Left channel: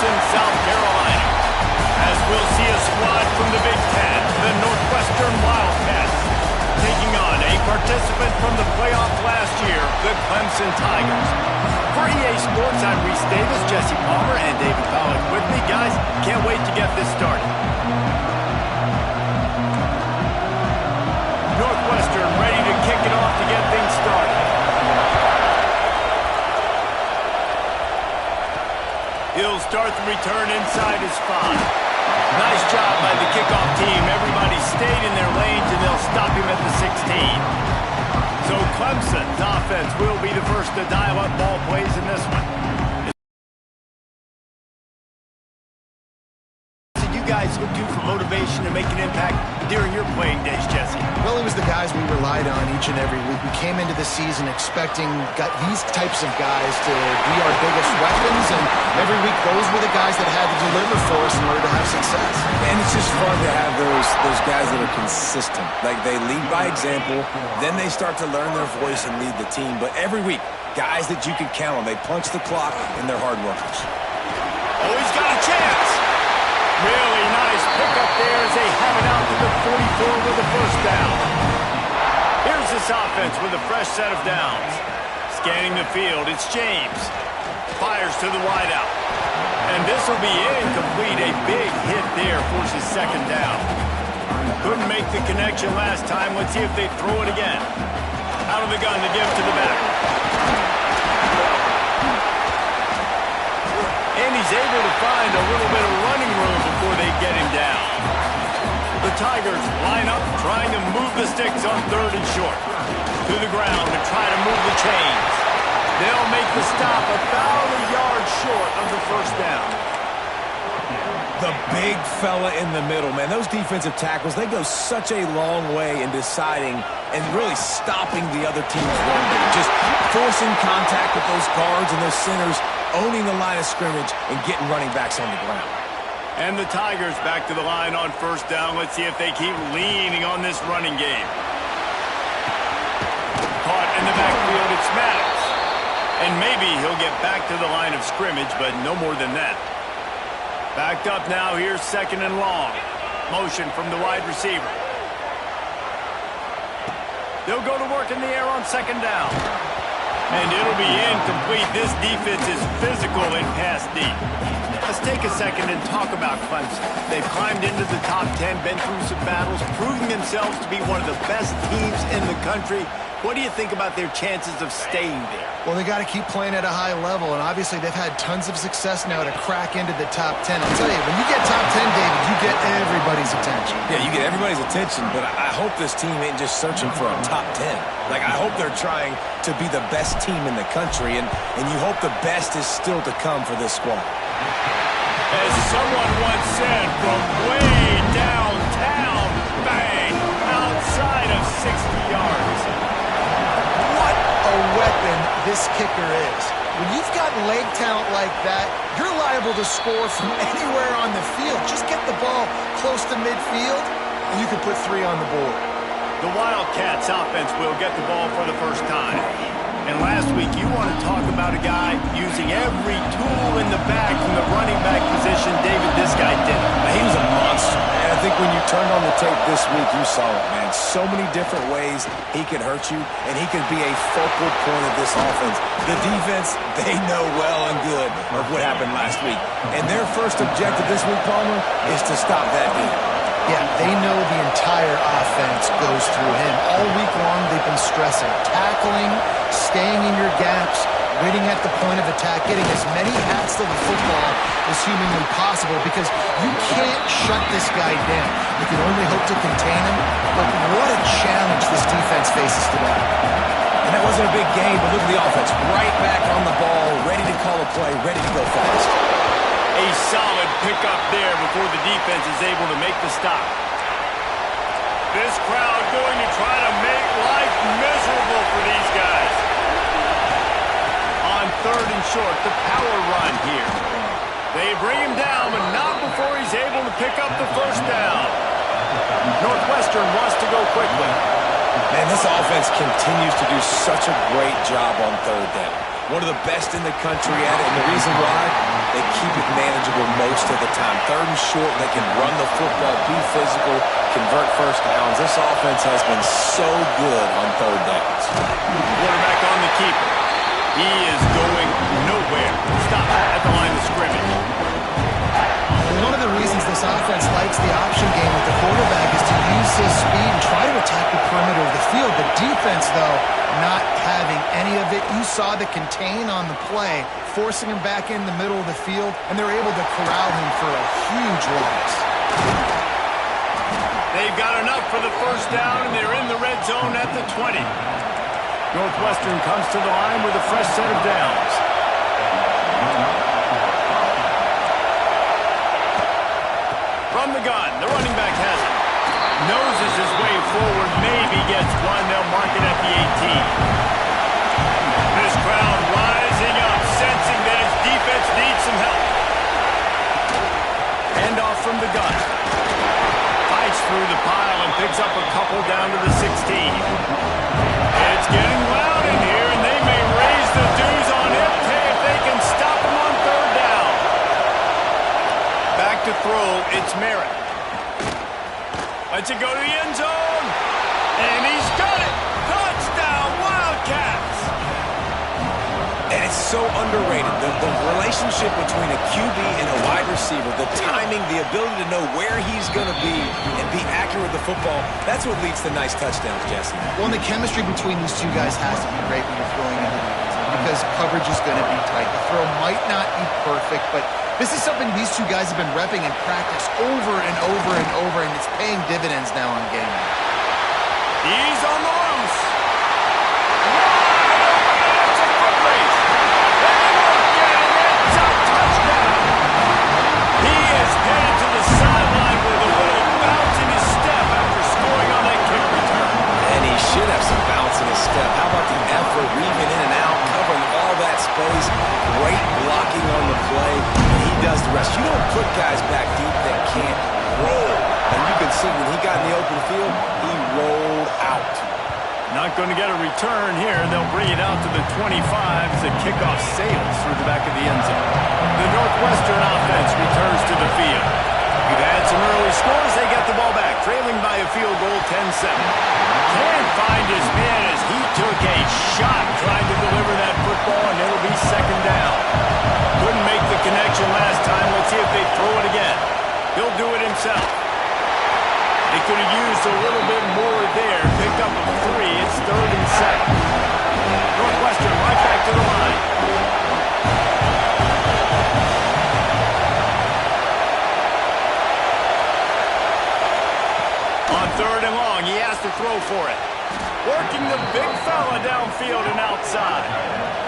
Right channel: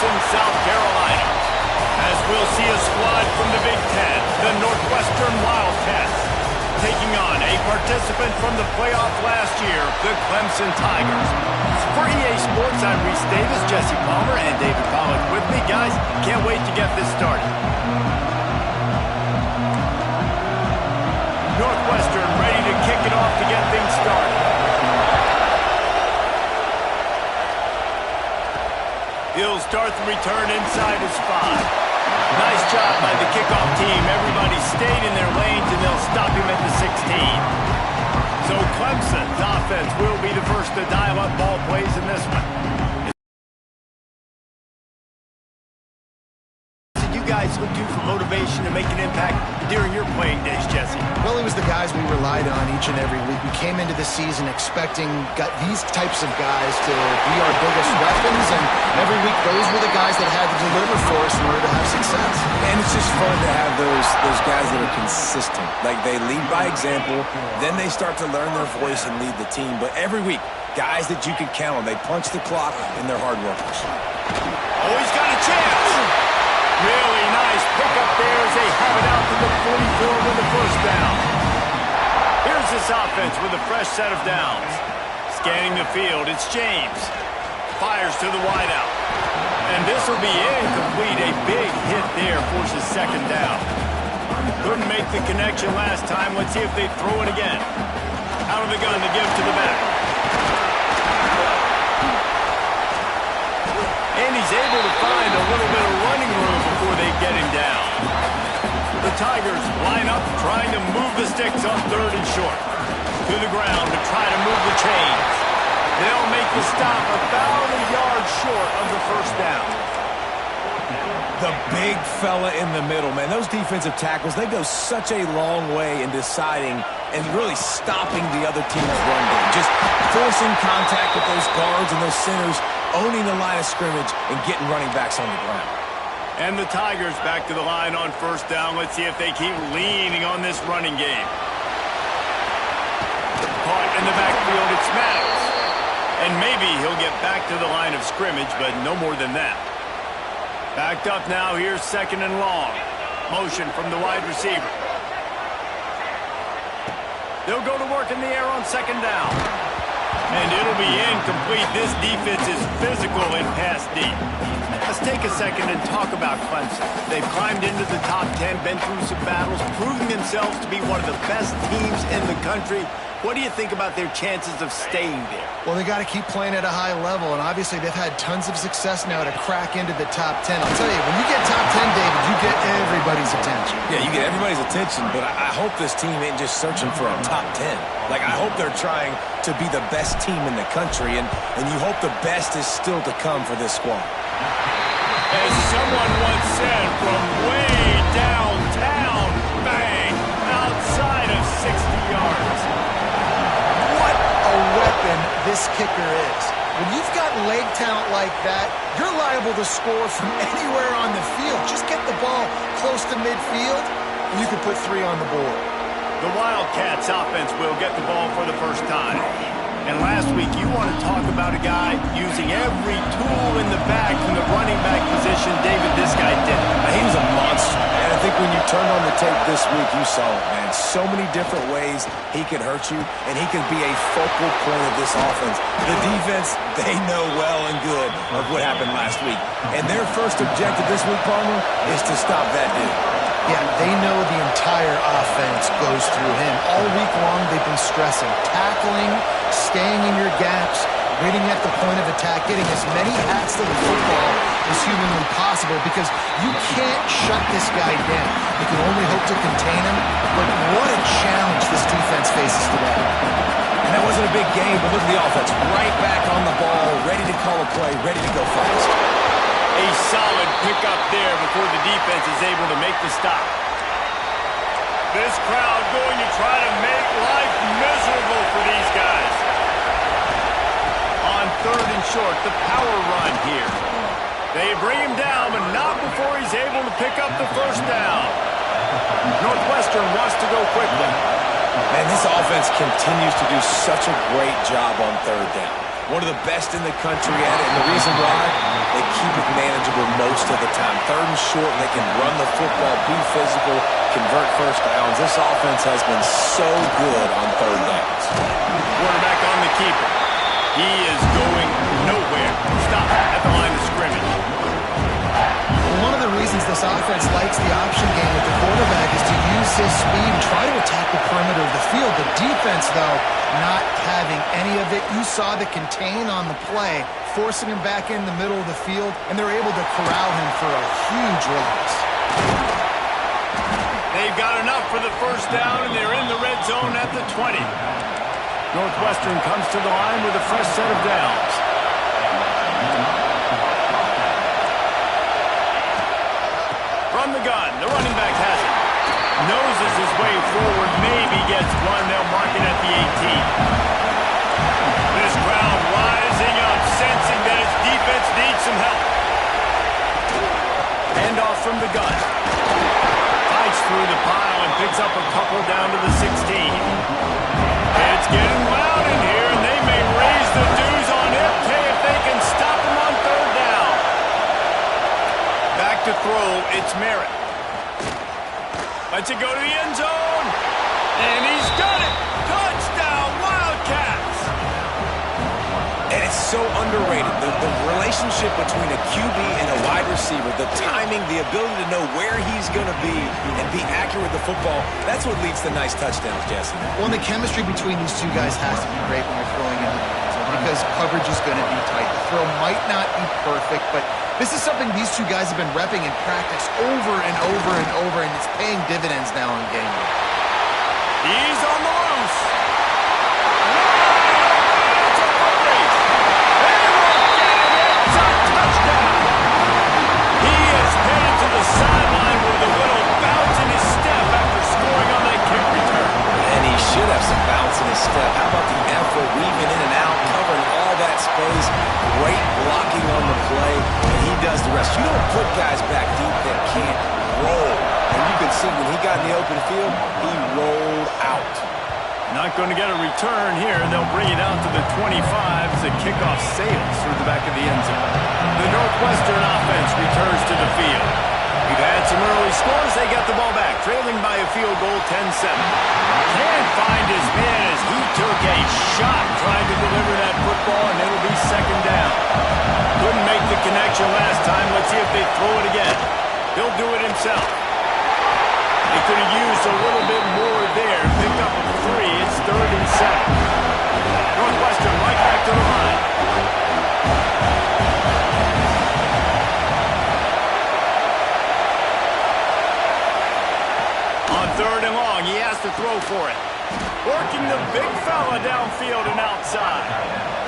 Clemson, South Carolina. As we'll see a squad from the Big Ten, the Northwestern Wildcats, taking on a participant from the playoff last year, the Clemson Tigers. For EA Sports, I'm Reese Davis, Jesse Palmer, and David Pollack with me. Guys, can't wait to get this started. Northwestern ready to kick it off to get things started. He'll start the return inside his 5. Nice job by the kickoff team. Everybody stayed in their lanes, and they'll stop him at the 16. So Clemson's offense will be the first to dial up ball plays in this one. You guys look to for motivation to make an impact during your playing days, Jesse? Well, it was the guys we relied on each and every week. We came into the season expecting these types of guys to be our biggest weapons, and every week those were the guys that had to deliver for us in order to have success. And it's just fun to have those guys that are consistent. Like, they lead by example, then they start to learn their voice and lead the team. But every week, guys that you can count on, they punch the clock, and they're hard workers. Oh, he's got a chance! Really nice pickup there as they have it out to the 44 with the first down. Here's this offense with a fresh set of downs. Scanning the field, it's James. Fires to the wideout. And this will be incomplete. A big hit there forces second down. Couldn't make the connection last time. Let's see if they throw it again. Out of the gun to give to the back. And he's able to find a little bit of running room before they get him down. The Tigers line up trying to move the sticks on 3rd and short. To the ground to try to move the chains. They'll make the stop about a yard short of the first down. The big fella in the middle, man. Those defensive tackles, they go such a long way in deciding and really stopping the other team's run game. Just forcing contact with those guards and those centers, owning the line of scrimmage, and getting running backs on the ground. And the Tigers back to the line on first down. Let's see if they keep leaning on this running game. Caught in the backfield, it's Maddox. And maybe he'll get back to the line of scrimmage, but no more than that. Backed up now, here's 2nd and long. Motion from the wide receiver. They'll go to work in the air on 2nd down. And it'll be incomplete. This defense is physical and pass deep. Let's take a second and talk about Clemson. They've climbed into the top 10, been through some battles, proving themselves to be one of the best teams in the country. What do you think about their chances of staying there? Well, they got to keep playing at a high level, and obviously they've had tons of success now to crack into the top 10. I'll tell you, when you get top 10, David, you get everybody's attention. Yeah, you get everybody's attention, but I hope this team ain't just searching for a top 10. Like, I hope they're trying to be the best team in the country, and you hope the best is still to come for this squad. As someone once said, from way downtown, bang, outside of 60 yards. What a weapon this kicker is. When you've got leg talent like that, you're liable to score from anywhere on the field. Just get the ball close to midfield, and you can put 3 on the board. The Wildcats offense will get the ball for the first time. And last week, you want to talk about a guy using every tool in the bag from the running back position. David, this guy did it. He was a monster. And I think when you turned on the tape this week, you saw it, man. So many different ways he could hurt you, and he could be a focal point of this offense. The defense, they know well and good of what happened last week. And their first objective this week, Palmer, is to stop that dude. Yeah, they know the entire offense goes through him. All week long, they've been stressing tackling, staying in your gaps, waiting at the point of attack, getting as many hats to the football as humanly possible, because you can't shut this guy down. You can only hope to contain him, but what a challenge this defense faces today. And that wasn't a big game, but look at the offense. Right back on the ball, ready to call a play, ready to go fast. A solid pickup there before the defense is able to make the stop. This crowd going to try to make life miserable for these guys. On 3rd and short, the power run here. They bring him down, but not before he's able to pick up the first down. Northwestern wants to go quickly. Man, this offense continues to do such a great job on 3rd down. One of the best in the country at it, and the reason why, they keep it manageable most of the time. 3rd and short, they can run the football, be physical, convert first downs. This offense has been so good on 3rd downs. Quarterback on the keeper. He is going nowhere. Stop at the line of scrimmage. One of the reasons this offense likes the option game with the quarterback is to use his speed and try to attack the perimeter of the field. The defense, though, not having any of it. You saw the contain on the play, forcing him back in the middle of the field, and they're able to corral him for a huge loss. They've got enough for the first down, and they're in the red zone at the 20. Northwestern comes to the line with a fresh set of downs. From the gun, the running back has it. Noses his way forward, maybe gets one. They'll mark it at the 18. This crowd rising up, sensing that its defense needs some help. Handoff from the gun. Fights through the pile and picks up a couple down to the 16. It's getting loud in here, and they may raise the dues on it if they can stop him on 3rd down. Back to throw, it's Merritt. Lets it go to the end zone. And he's got it. Touchdown, Wildcats. And it's so underrated. The relationship between a QB and a wide receiver, the timing, the ability to know where he's going to be and be accurate with the football, that's what leads to nice touchdowns, Jesse. Well, and the chemistry between these two guys has to be great when you're throwing into the end zone because coverage is going to be tight. The throw might not be perfect, but this is something these two guys have been repping in practice over and over and over, and it's paying dividends now on game day. He's on the loose. Wide open. It's a foot race. They won't get him. It's a touchdown. He is headed to the sideline with a little bounce in his step after scoring on that kick return. And he should have some bounce in his step. How about the effort, weaving in and out, covering all that space, great blocking on the play, and he does the rest. You don't put guys back deep that can't roll. And you can see when he got in the open field, he rolled out. Not going to get a return here. They'll bring it out to the 25 as the kickoff sails through the back of the end zone. The Northwestern offense returns to the field. We've had some early scores. They got the ball back, trailing by a field goal 10-7. Can't find his man as he took a shot trying to deliver that football, and it'll be 2nd down. Couldn't make the connection last time. Let's see if they throw it again. He'll do it himself. They could have used a little bit more there. Pick up a 3. It's 3rd and 7. Northwestern right back to the line. On 3rd and long, he has to throw for it. Working the big fella downfield and outside.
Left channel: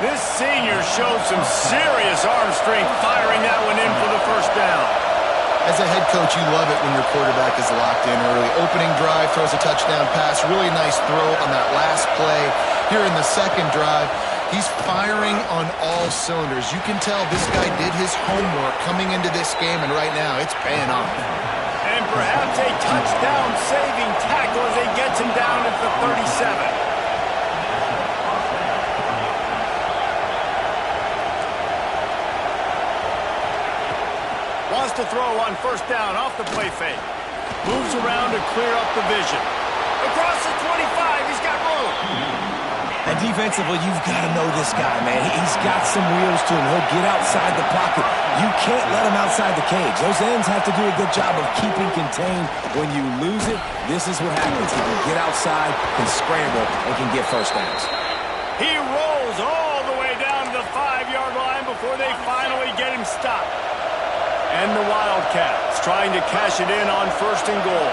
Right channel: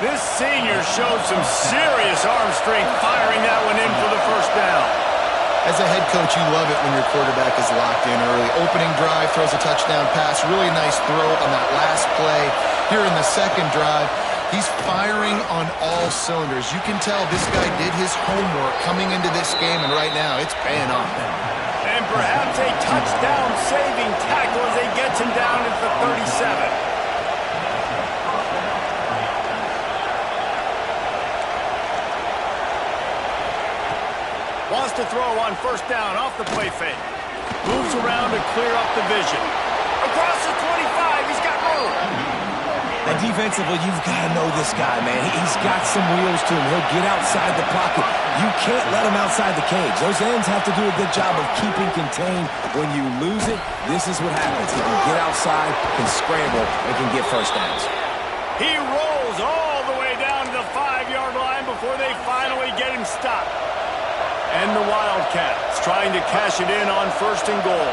This senior showed some serious arm strength firing that one in for the first down. As a head coach, you love it when your quarterback is locked in early. Opening drive, throws a touchdown pass. Really nice throw on that last play. Here in the 2nd drive, he's firing on all cylinders. You can tell this guy did his homework coming into this game, and right now it's paying off. And perhaps a touchdown-saving tackle as he gets him down at the 37. Wants to throw on 1st down off the play fake. Moves around to clear up the vision. Across the 25, he's got room. And defensively, you've got to know this guy, man. He's got some wheels to him. He'll get outside the pocket. You can't let him outside the cage. Those ends have to do a good job of keeping contained. When you lose it, this is what happens. He can get outside, can scramble, and can get first downs. He rolls all the way down to the 5-yard line before they finally get him stopped. And the Wildcats trying to cash it in on 1st and goal.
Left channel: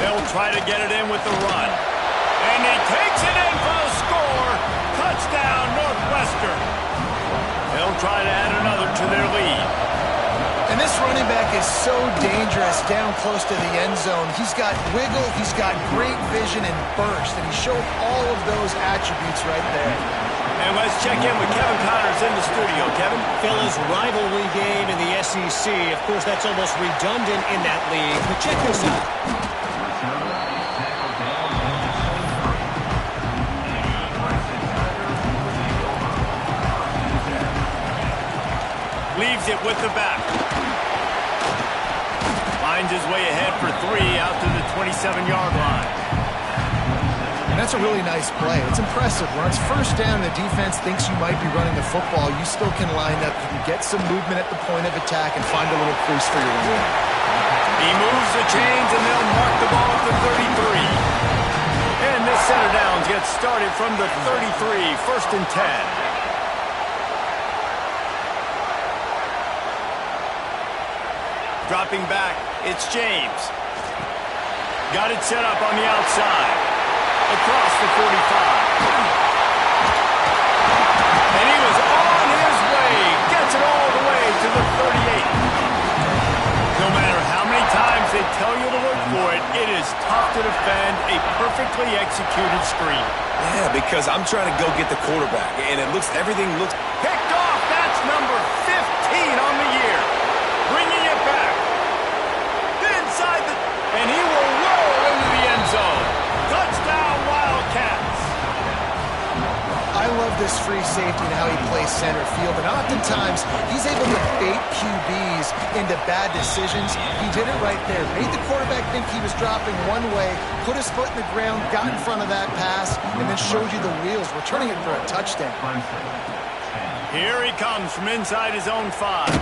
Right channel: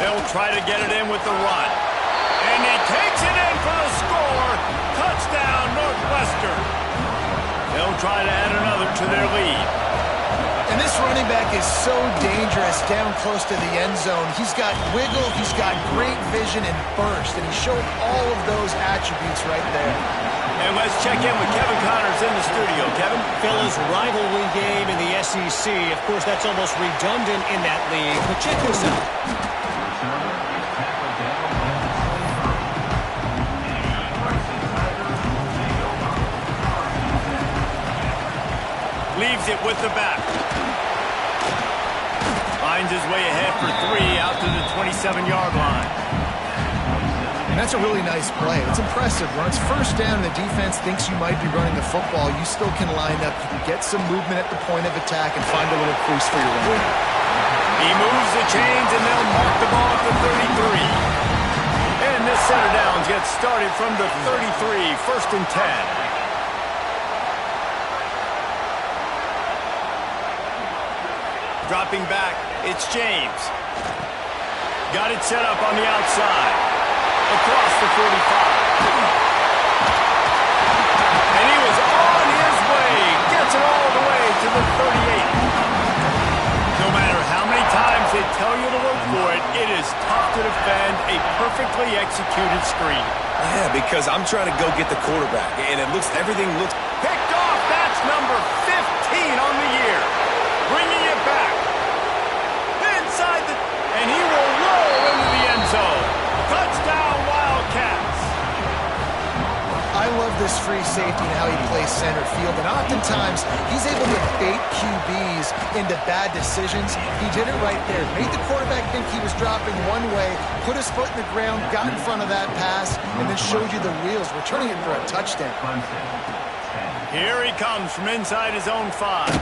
They'll try to get it in with the run. And he takes it in for the score. Touchdown, Northwestern. They'll try to add another to their lead. And this running back is so dangerous down close to the end zone. He's got wiggle, he's got great vision and burst, and he showed all of those attributes right there. And let's check in with Kevin Connors in the studio. Kevin? Fellas, rivalry game in the SEC. Of course, that's almost redundant in that league. But check this out. Leaves it with the back. Finds his way ahead for 3 out to the 27-yard line. And that's a really nice play. It's impressive. When it's first down and the defense thinks you might be running the football, you still can line up. You can get some movement at the point of attack and find a little crease for your run game. He moves the chains, and they'll mark the ball at the 33. And this set of downs gets started from the 33, 1st and 10. Dropping back, it's James. Got it set up on the outside. Across the 45. And he was on his way. Gets it all the way to the 38. No matter how many times they tell you to look for it, it is tough to defend a perfectly executed screen. Yeah, because I'm trying to go get the quarterback, and everything looks... Picked off, that's number 15 on the year. Bringing it back. Inside the... And he will roll into the end zone. Touchdown, Wildcats. I love this free safety and how he plays center field, and oftentimes he's able to bait QBs into bad decisions. He did it right there. Made the quarterback think he was dropping one way, put his foot in the ground, got in front of that pass, and then showed you the wheels, returning it for a touchdown. Here he comes from inside his own 5.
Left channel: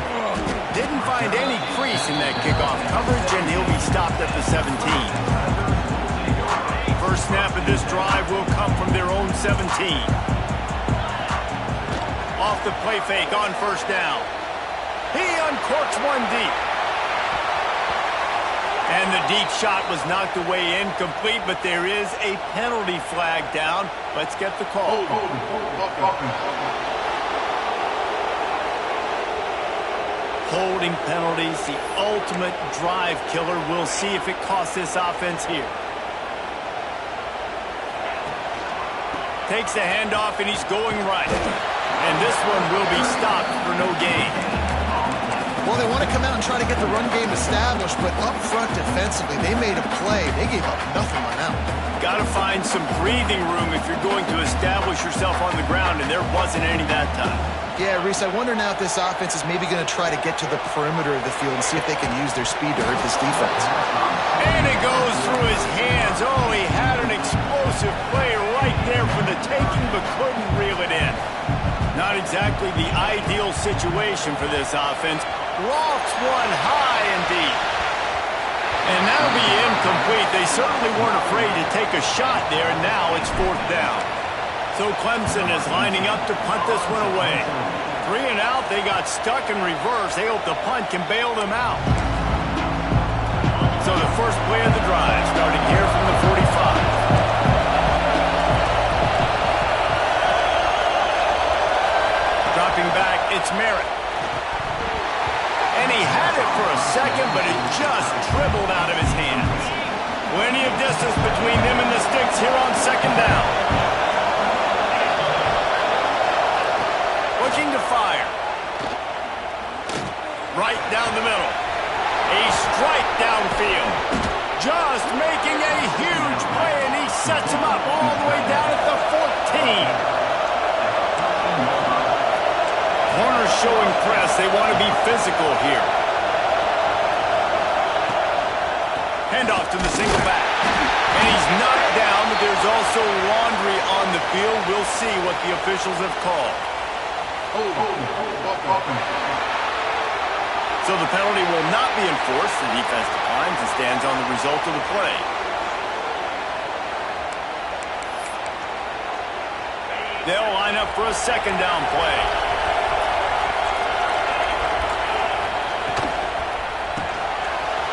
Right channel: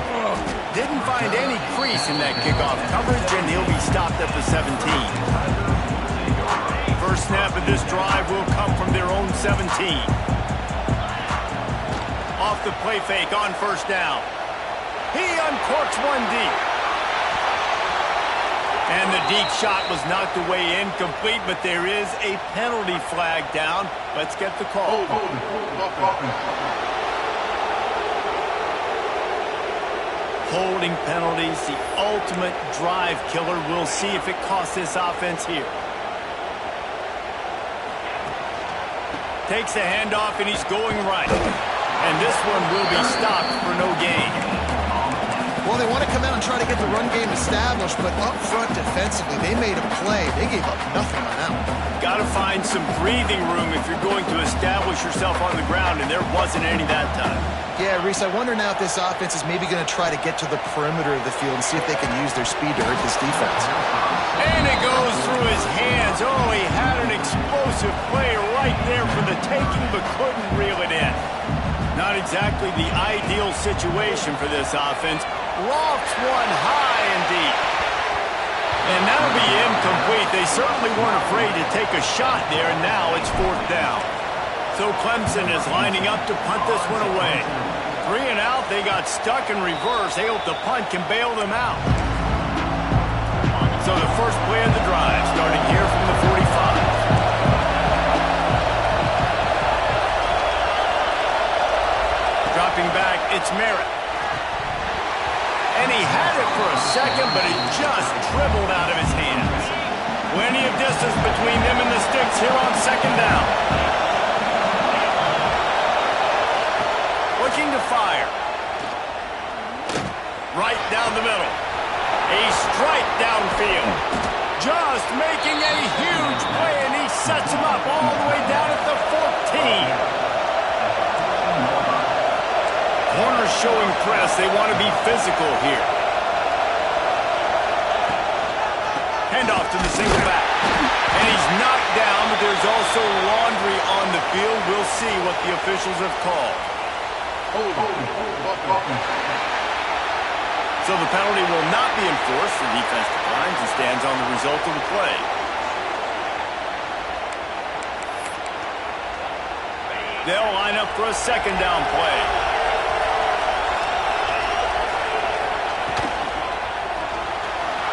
Didn't find any crease in that kickoff coverage, and he'll be stopped at the 17. First snap of this drive will come from their own 17. Off the play fake on first down. He uncorks one deep. And the deep shot was knocked away incomplete, but there is a penalty flag down. Let's get the call. Holding penalties, the ultimate drive killer. We'll see if it costs this offense here. Takes the handoff, and he's going right. And this one will be stopped for no gain. Well, they want to come out and try to get the run game established, but up front defensively, they made a play. They gave up nothing on that one. Got to find some breathing room if you're going to establish yourself on the ground, and there wasn't any that time. Yeah, Reese, I wonder now if this offense is maybe going to try to get to the perimeter of the field and see if they can use their speed to hurt this defense. And it goes through his hands. Oh, he had an explosive play right there for the taking, but couldn't reel it in. Not exactly the ideal situation for this offense. Lofts one high and deep. And that'll be incomplete. They certainly weren't afraid to take a shot there, and now it's 4th down. So Clemson is lining up to punt this one away. 3 and out, they got stuck in reverse. They hope the punt can bail them out. So the first play of the drive, starting here from the 45. Dropping back, it's Merritt. And he had it for a second, but it just dribbled out of his hands. Plenty of distance between them and the sticks here on 2nd down. Looking to fire. Right down the middle. A strike downfield. Just making a huge play, and he sets him up all the way down at the 14. Corners showing press. They want to be physical here. Handoff to the single back. And he's knocked down, but there's also laundry on the field. We'll see what the officials have called. So the penalty will not be enforced. The defense declines and stands on the result of the play. They'll line up for a 2nd down play.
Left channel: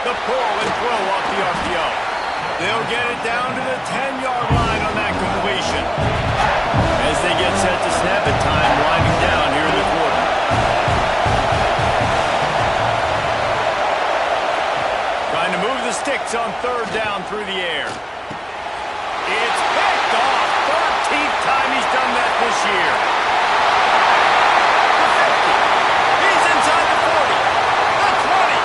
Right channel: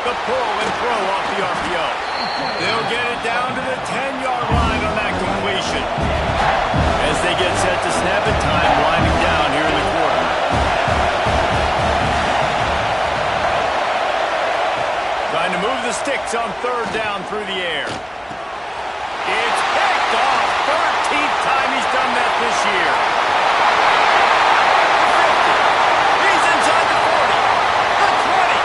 The pull and throw off the RPO. They'll get it down to the 10-yard line on that completion. As they get set to snap it, time winding down here in the quarter. Trying to move the sticks on 3rd down through the air. It's picked off. 13th time he's done that this year. The 50. He's inside the 40. The 20.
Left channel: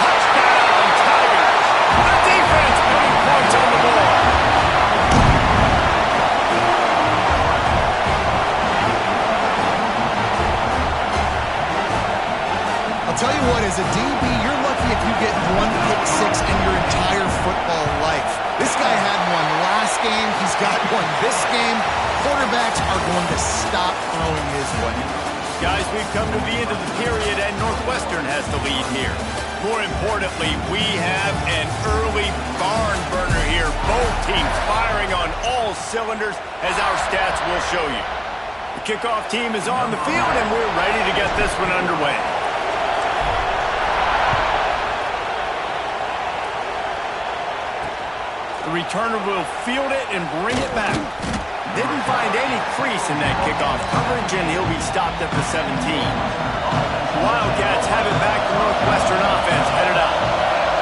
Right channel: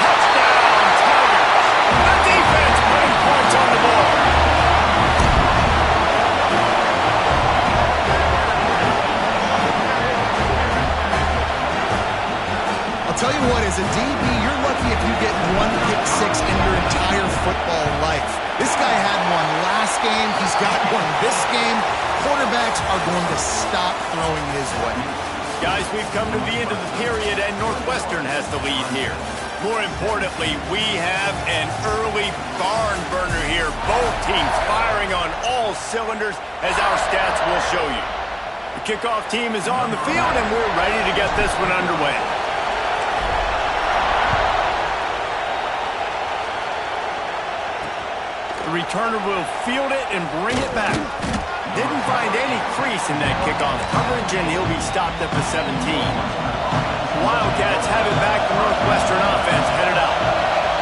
Touchdown, Tigers. The defense putting points on the board. tell you what, as a DB, you're lucky if you get one pick six in your entire football life. This guy had one last game. He's got one this game. Quarterbacks are going to stop throwing his way. Guys, we've come to the end of the period, and Northwestern has the lead here. More importantly, we have an early barn burner here. Both teams firing on all cylinders, as our stats will show you. The kickoff team is on the field, and we're ready to get this one underway. The returner will field it and bring it back. Didn't find any crease in that kickoff coverage, and he'll be stopped at the 17. Wildcats have it back. The Northwestern offense headed out.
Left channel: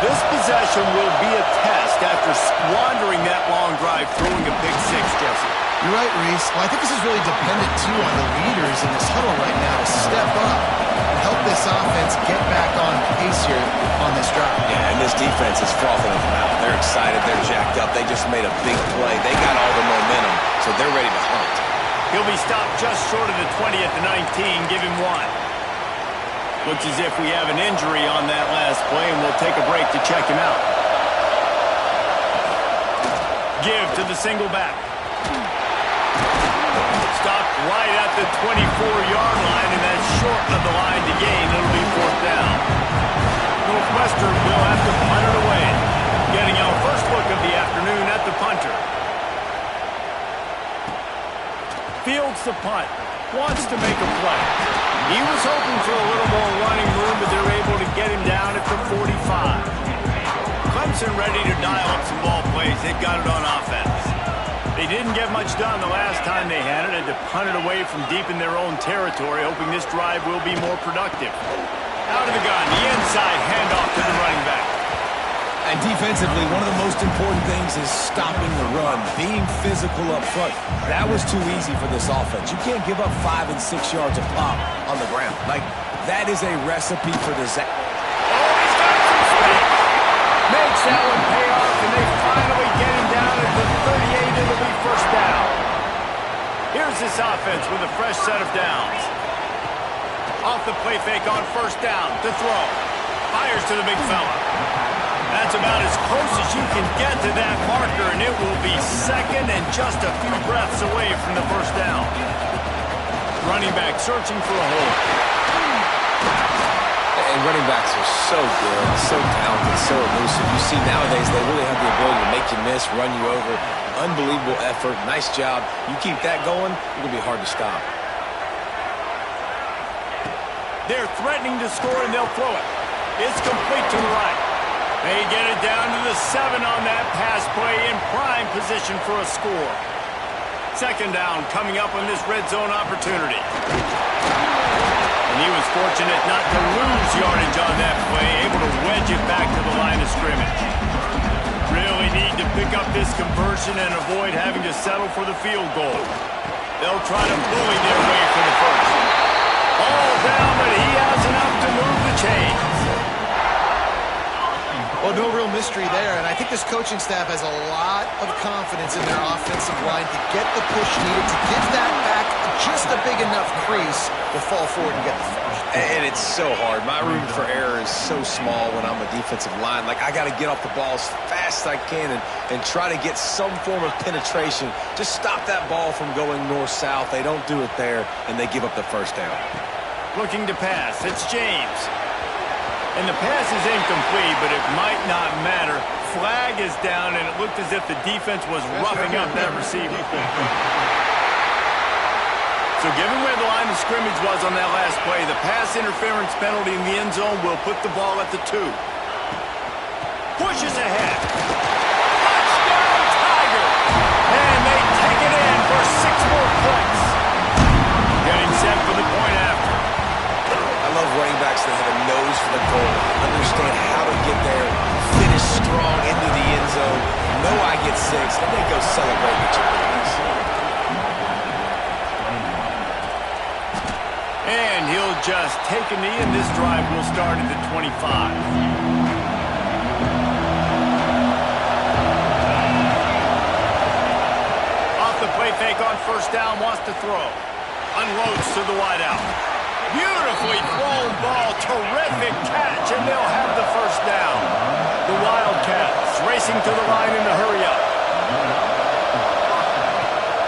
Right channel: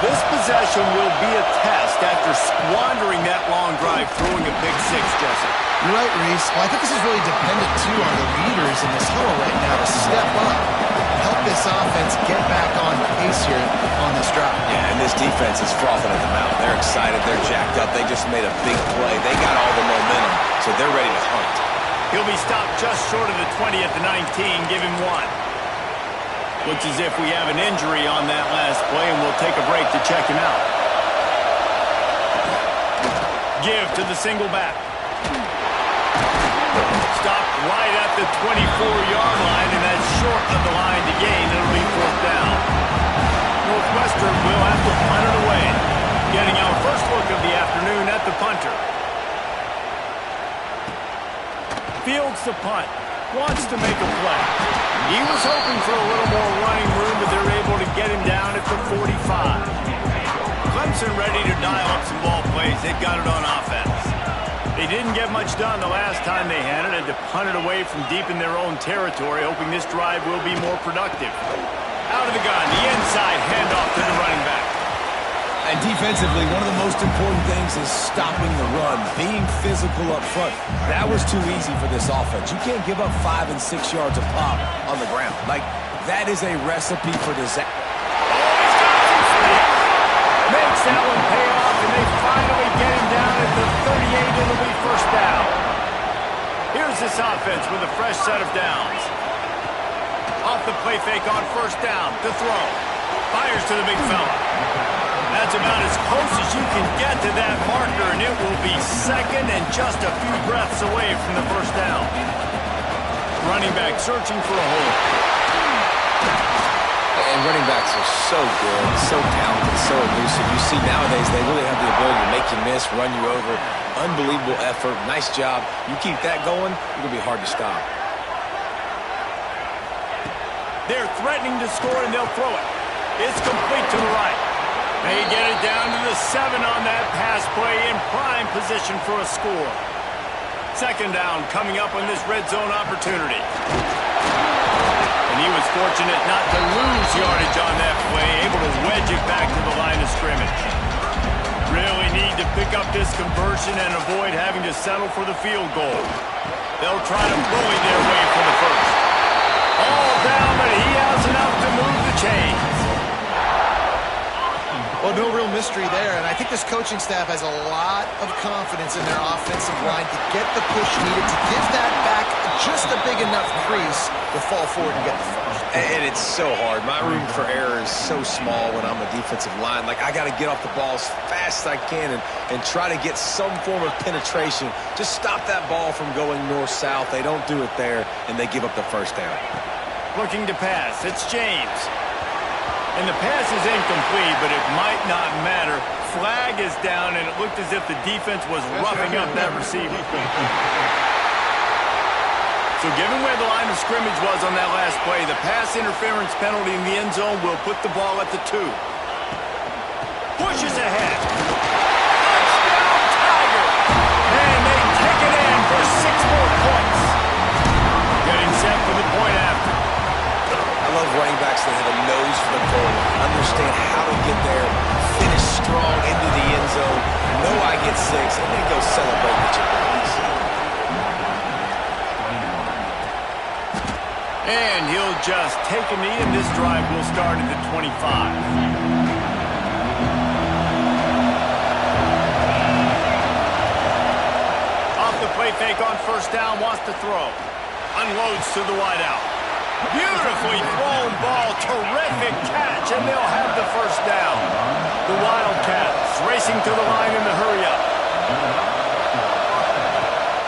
This possession will be a test after squandering that long drive, throwing a big six, Jesse. You're right, Reese. Well, I think this is really dependent, too, on the leaders in this huddle right now to step up and help this offense get back on pace here on this drive. Yeah, and this defense is frothing at the mouth. They're excited. They're jacked up. They just made a big play. They got all the momentum, so they're ready to hunt. He'll be stopped just short of the 20 at the 19. Give him one. Looks as if we have an injury on that last play, and we'll take a break to check him out. Give to the single back. Stopped right at the 24-yard line, and that's short of the line to gain. It'll be fourth down. Northwestern will have to punt it away. Getting our first look of the afternoon at the punter. Fields the punt. Wants to make a play. He was hoping for a little more running room, but they're able to get him down at the 45. Clemson ready to dial up some ball plays. They've got it on offense. They didn't get much done the last time they had it, and to punt it away from deep in their own territory, hoping this drive will be more productive. Out of the gun, the inside handoff to the running back. And defensively, one of the most important things is stopping the run, being physical up front. That was too easy for this offense. You can't give up 5 and 6 yards a pop on the ground. Like, that is a recipe for disaster. Oh, he's got some space. Makes that one pay off, and they finally get him down at the 38. It'll be first down. Here's this offense with a fresh set of downs. Off the play fake on first down to throw. Fires to the big fella. That's about as close as you can get to that marker, and it will be second and just a few breaths away from the first down. Running back searching for a hole. And running backs are so good, so talented, so elusive. You see nowadays they really have the ability to make you miss, run you over. Unbelievable effort. Nice job. You keep that going, you're going to be hard to stop. They're threatening to score, and they'll throw it. It's complete to the right. They get it down to the 7 on that pass play, in prime position for a score. Second down coming up on this red zone opportunity. And he was fortunate not to lose yardage on that play, able to wedge it back to the line of scrimmage. Really need to pick up this conversion and avoid having to settle for the field goal. They'll try to bully their way for the first. All down, but he has enough to move the chains. Well, no real mystery there, and I think this coaching staff has a lot of confidence in their offensive line to get the push needed, to give that back just a big enough crease to fall forward and get the first. And it's so hard. My room for error is so small when I'm a defensive line. Like, I got to get off the ball as fast as I can and try to get some form of penetration. Just stop that ball from going north-south. They don't do it there, and they give up the first down. Looking to pass. It's James. And the pass is incomplete, but it might not matter. Flag is down, and it looked as if the defense was roughing up that receiver. So given where the line of scrimmage was on that last play, the pass interference penalty in the end zone will put the ball at the 2. Pushes ahead. Touchdown, Tigers! And they take it in for 6 more points. Getting set for the point after. I love running backs that have a nose for the goal, understand how to get there, finish strong into the end zone, know I get 6, and then go celebrate with your boys. And he'll just take a knee, and this drive will start at the 25. Off the play fake on first down, wants to throw. Unloads to the wideout. Beautifully thrown ball. Terrific catch, and they'll have the first down. The Wildcats racing to the line in the hurry-up.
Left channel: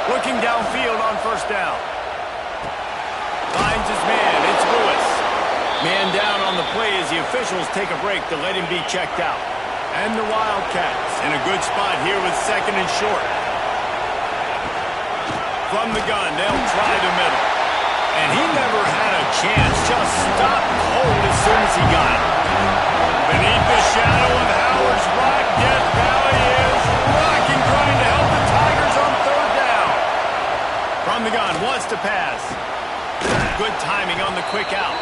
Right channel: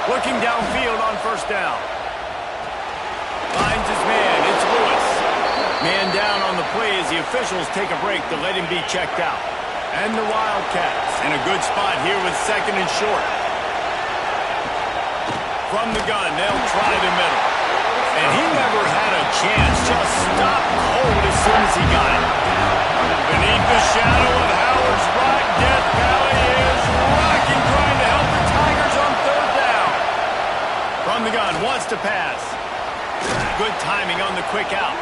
Looking downfield on first down. Finds his man. It's Lewis. Man down on the play as the officials take a break to let him be checked out. And the Wildcats in a good spot here with second and short. From the gun, they'll try the middle. And he never had a chance. Just stopped cold as soon as he got it. Beneath the shadow of Howard's Rock, Death Valley is rocking, trying to help the Tigers on third down. From the gun, wants to pass. Good timing on the quick out.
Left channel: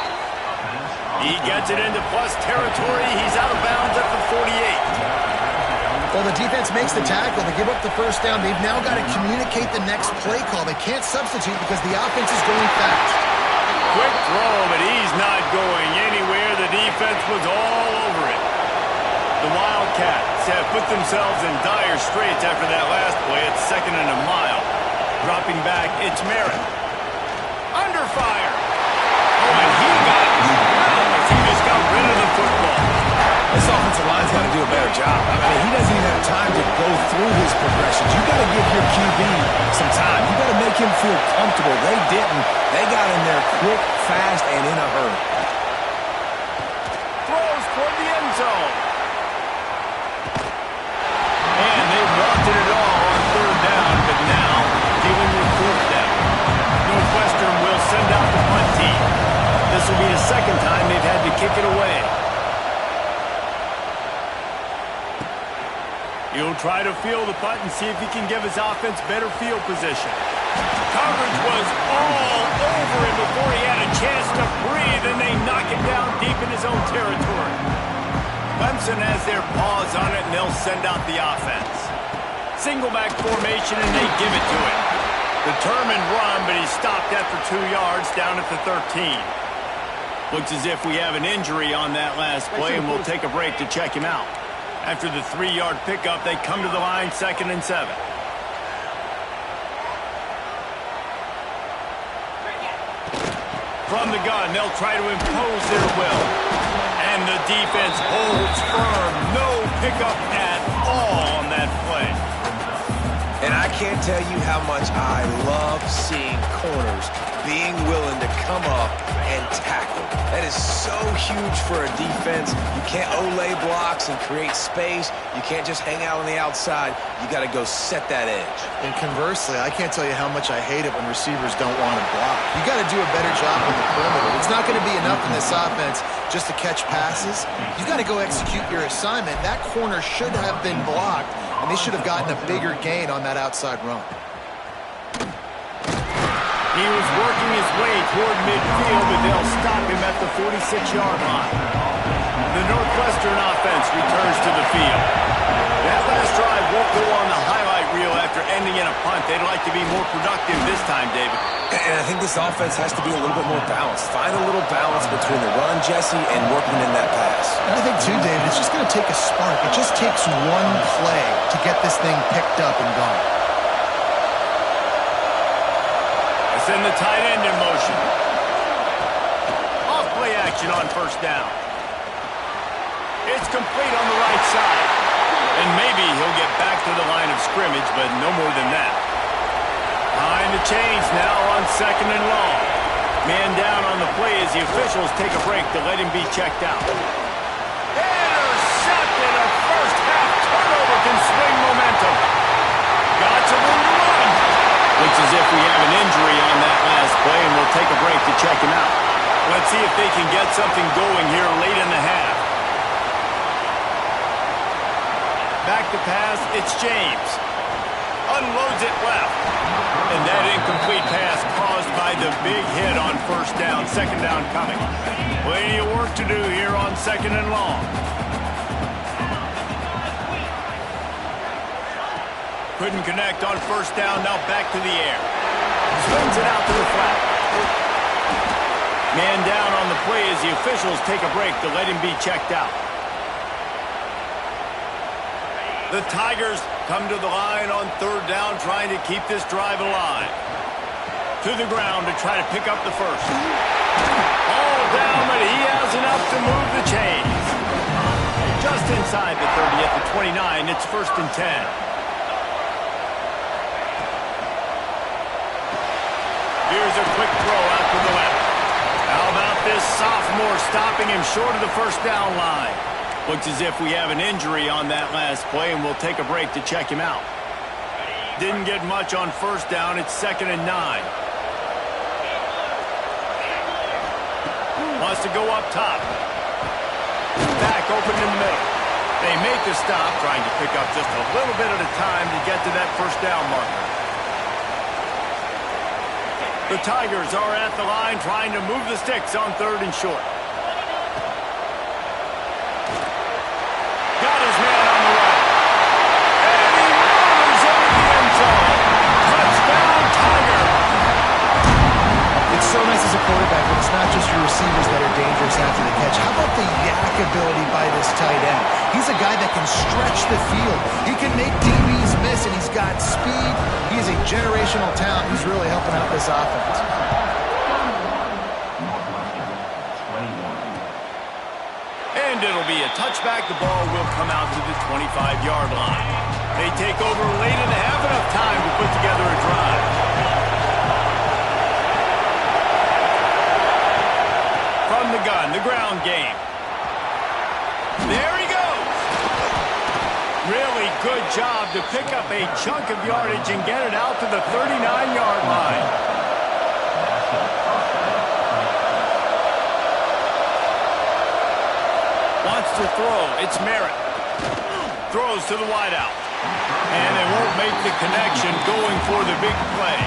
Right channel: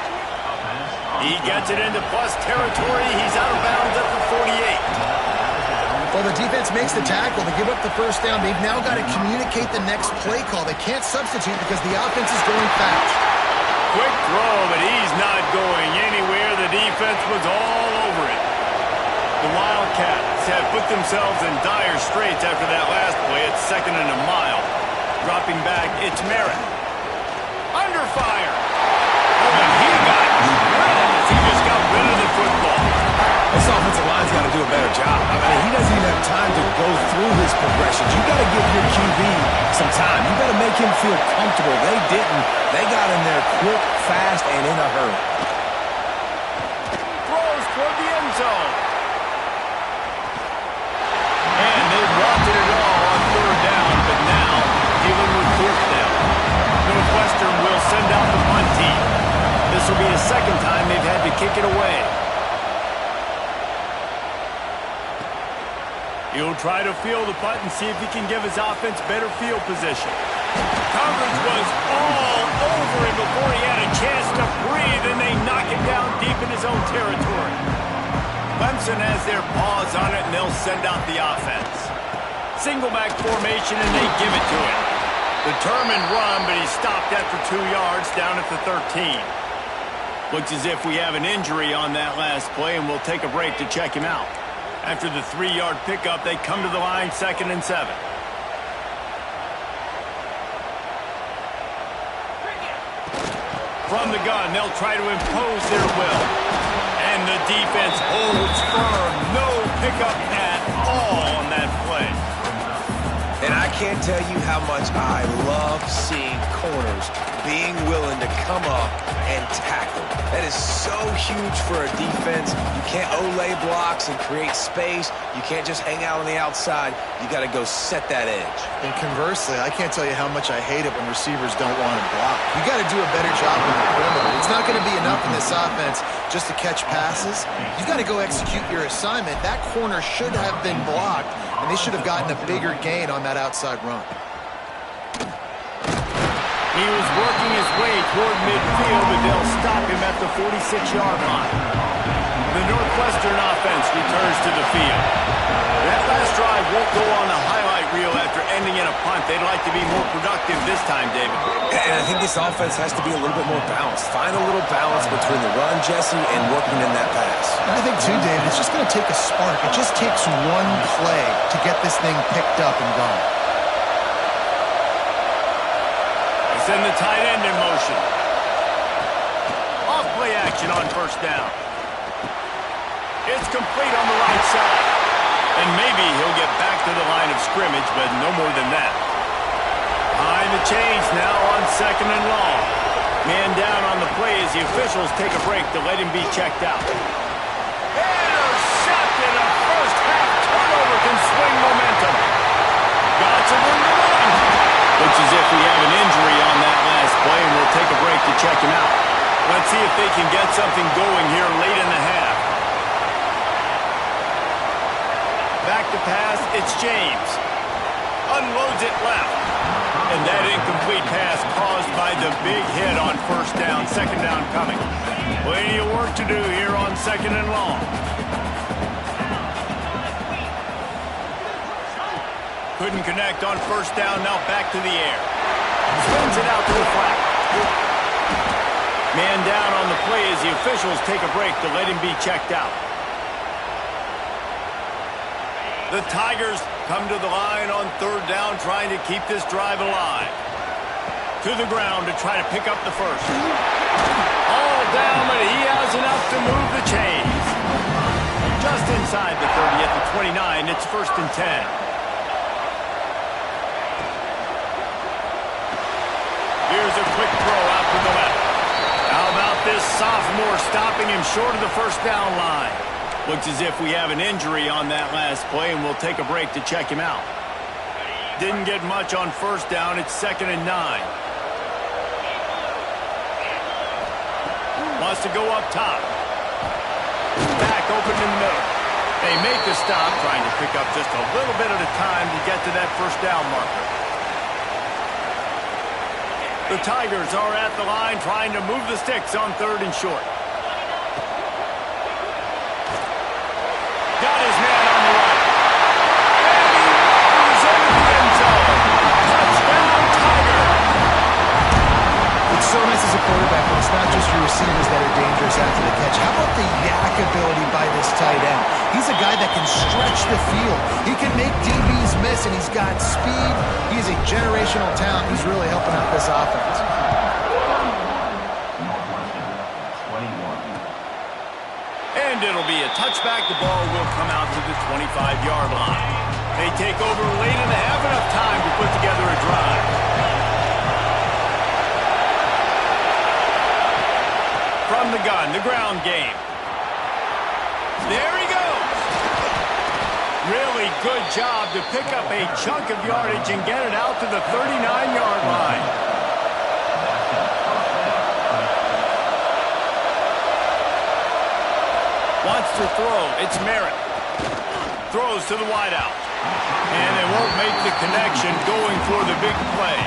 He gets it into plus territory. He's out of bounds at the 48. Well, the defense makes the tackle. They give up the first down. They've now got to communicate the next play call. They can't substitute because the offense is going fast. Quick throw, but he's not going anywhere. The defense was all over it. The Wildcats have put themselves in dire straits after that last play. It's second and a mile. Dropping back, it's Merritt. Under fire. Oh, and he got drilled as he just got rid of the football. This offensive line's got to do a better job. I mean, he doesn't even have time to go through his progressions. You got to give your QB some time. You got to make him feel comfortable. They didn't. They got in there quick, fast, and in a hurry. Throws toward the end zone. And they wanted it all on third down, but now dealing with fourth down. Northwestern will send out the punt team. This will be the second time they've had to kick it away. He'll try to field the punt and see if he can give his offense better field position. Coverage was all over him before he had a chance to breathe, and they knock him down deep in his own territory. Clemson has their paws on it, and they'll send out the offense. Single back formation, and they give it to him. Determined run, but he stopped after 2 yards down at the 13. Looks as if we have an injury on that last play, and we'll take a break to check him out. After the 3-yard pickup, they come to the line, 2nd and 7. From the gun, they'll try to impose their will. And the defense holds firm. No pickup at all on that play. And I can't tell you how much I love seeing corners being willing to come up and tackle. That is so huge for a defense. You can't olay blocks and create space. You can't just hang out on the outside. You got to go set that edge. And conversely, I can't tell you how much I hate it when receivers don't want to block. You got to do a better job on the perimeter. It's not going to be enough in this offense just to catch passes. You got to go execute your assignment. That corner should have been blocked, and they should have gotten a bigger gain on that outside run. He was working his way toward midfield, but they'll stop him at the 46-yard line. The Northwestern offense returns to the field. That last drive won't go on the highlight reel after ending in a punt. They'd like to be more productive this time, David. And I think this offense has to be a little bit more balanced. Find a little balance between the run, Jesse, and working in that pass. And I think, too, David, it's just going to take a spark. It just takes one play to get this thing picked up and gone. Send the tight end in motion. Off play action on first down. It's complete on the right side. And maybe he'll get back to the line of scrimmage, but no more than that. Behind the chains now on 2nd and long. Man down on the play as the officials take a break to let him be checked out. Intercepted. A first half turnover can swing momentum. Got some room to run. Looks as if we have an injury on that last play, and we'll take a break to check him out. Let's see if they can get something going here late in the half. Back to pass, it's James. Unloads it left. And that incomplete pass caused by the big hit on first down, 2nd down coming. Plenty of work to do here on 2nd and long. Couldn't connect on first down, now back to the air. Swings it out to the flat. Man down on the play as the officials take a break to let him be checked out. The Tigers come to the line on 3rd down, trying to keep this drive alive. To the ground to try to pick up the first. All down, but he has enough to move the chains. Just inside the 30 at the 29. It's 1st and 10. Here's a quick throw out to the left. How about this sophomore stopping him short of the first down line? Looks as if we have an injury on that last play, and we'll take a break to check him out. Didn't get much on first down. It's 2nd and 9. Wants to go up top. Back open in the middle. They make the stop, trying to pick up just a little bit at a time to get to that first down marker. The Tigers are at the line trying to move the sticks on 3rd and short. Got his man on the right. And he motors into the end zone. Touchdown, Tiger. It's so nice as a quarterback when it's not just your receivers that are dangerous after the catch. How about the yak ability by this tight end? He's a guy that can stretch the field. He can make DBs miss, and he's got speed. He is a generational talent. He's really helping out this offense. And it'll be a touchback. The ball will come out to the 25-yard line. They take over late in the half, enough time to put together a drive. From the gun, the ground game. There he goes. Really good job to pick up a chunk of yardage and get it out to the 39-yard line. Wants to throw. It's Merritt. Throws to the wideout. And they won't make the connection going for the big play.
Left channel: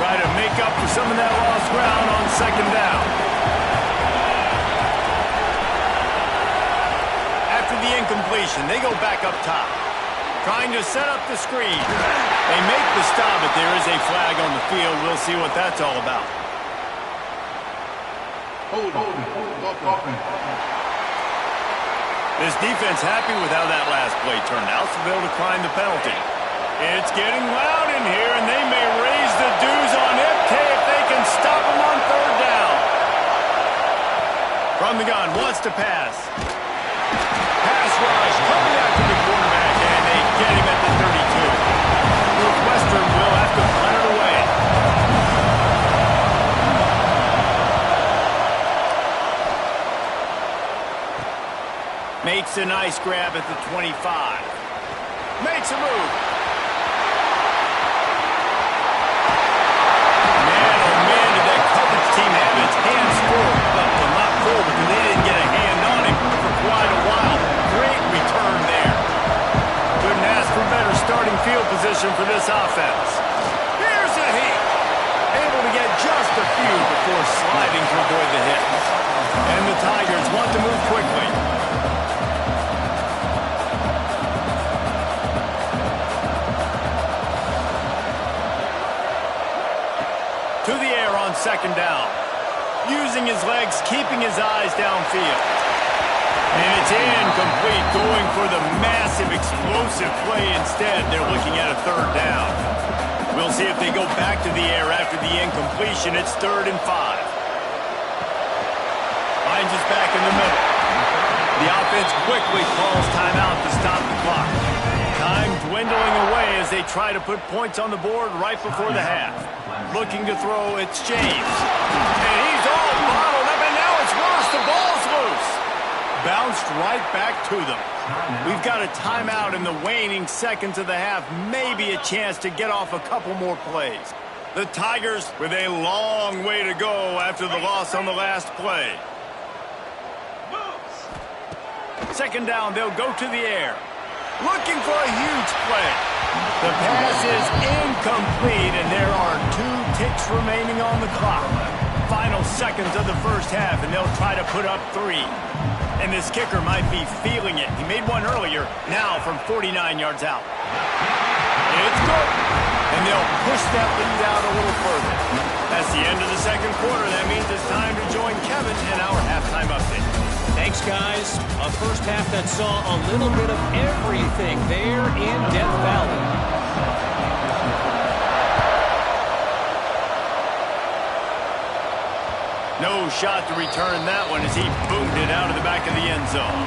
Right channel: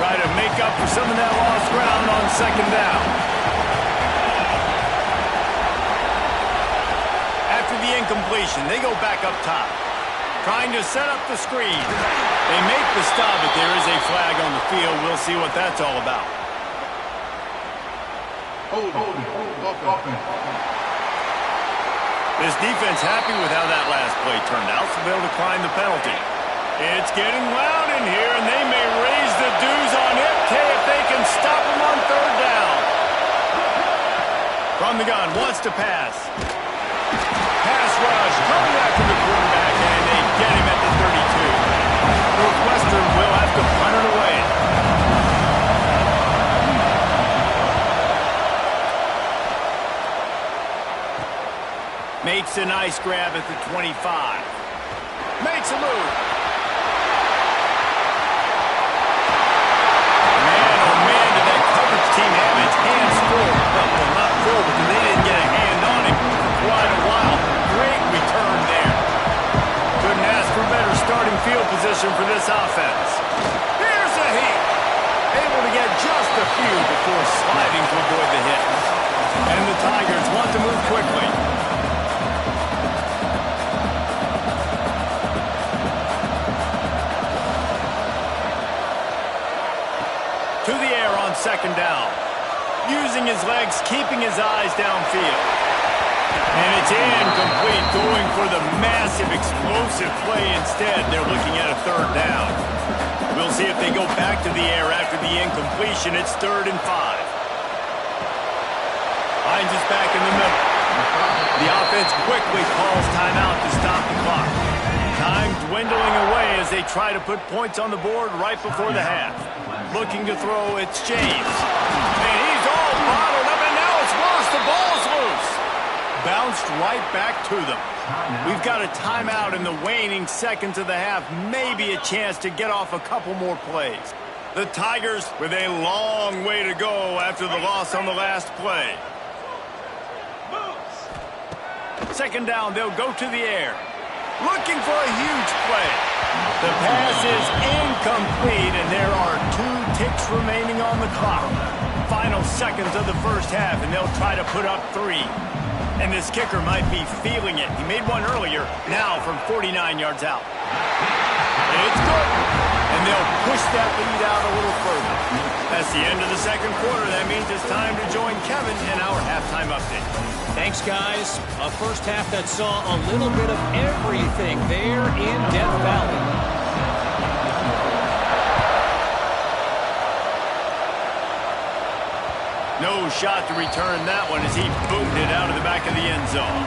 Try to make up for some of that lost ground on 2nd down. After the incompletion, they go back up top. Trying to set up the screen. They make the stop, but there is a flag on the field. We'll see what that's all about. Hold offense. This defense happy with how that last play turned out, so they'll decline the penalty. It's getting loud in here, and they may raise the dues on FK if they can stop him on 3rd down. From the gun, wants to pass. Pass rush, coming after the quarterback, and they get him at the 32. Northwestern will have to punt it away. Makes a nice grab at the 25. Makes a move. Man, oh man, did that coverage team have its hands full. Well, not full because they didn't get a hand on him for quite a while. Great return there. Couldn't ask for better starting field position for this offense. Here's a heat. Able to get just a few before sliding to avoid the hit. And the Tigers want to move quickly. To the air on 2nd down. Using his legs, keeping his eyes downfield. And it's incomplete, going for the massive, explosive play instead. They're looking at a 3rd down. We'll see if they go back to the air after the incompletion. It's 3rd and 5. Finds us back in the middle. The offense quickly calls timeout to stop the clock. Time dwindling away as they try to put points on the board right before the half. Looking to throw, it's James. And he's all bottled up, and now it's worse. The ball's loose. Bounced right back to them. We've got a timeout in the waning seconds of the half. Maybe a chance to get off a couple more plays. The Tigers with a long way to go after the loss on the last play. 2nd down, they'll go to the air. Looking for a huge play. The pass is incomplete, and there are 2 ticks remaining on the clock. Final seconds of the first half, and they'll try to put up 3. And this kicker might be feeling it. He made one earlier, now from 49 yards out. It's good. And they'll push that lead out a little further. That's the end of the 2nd quarter. That means it's time to join Kevin in our halftime update. Thanks, guys. A first half that saw a little bit of everything there in Death Valley. No shot to return that one as he boomed it out of the back of the end zone.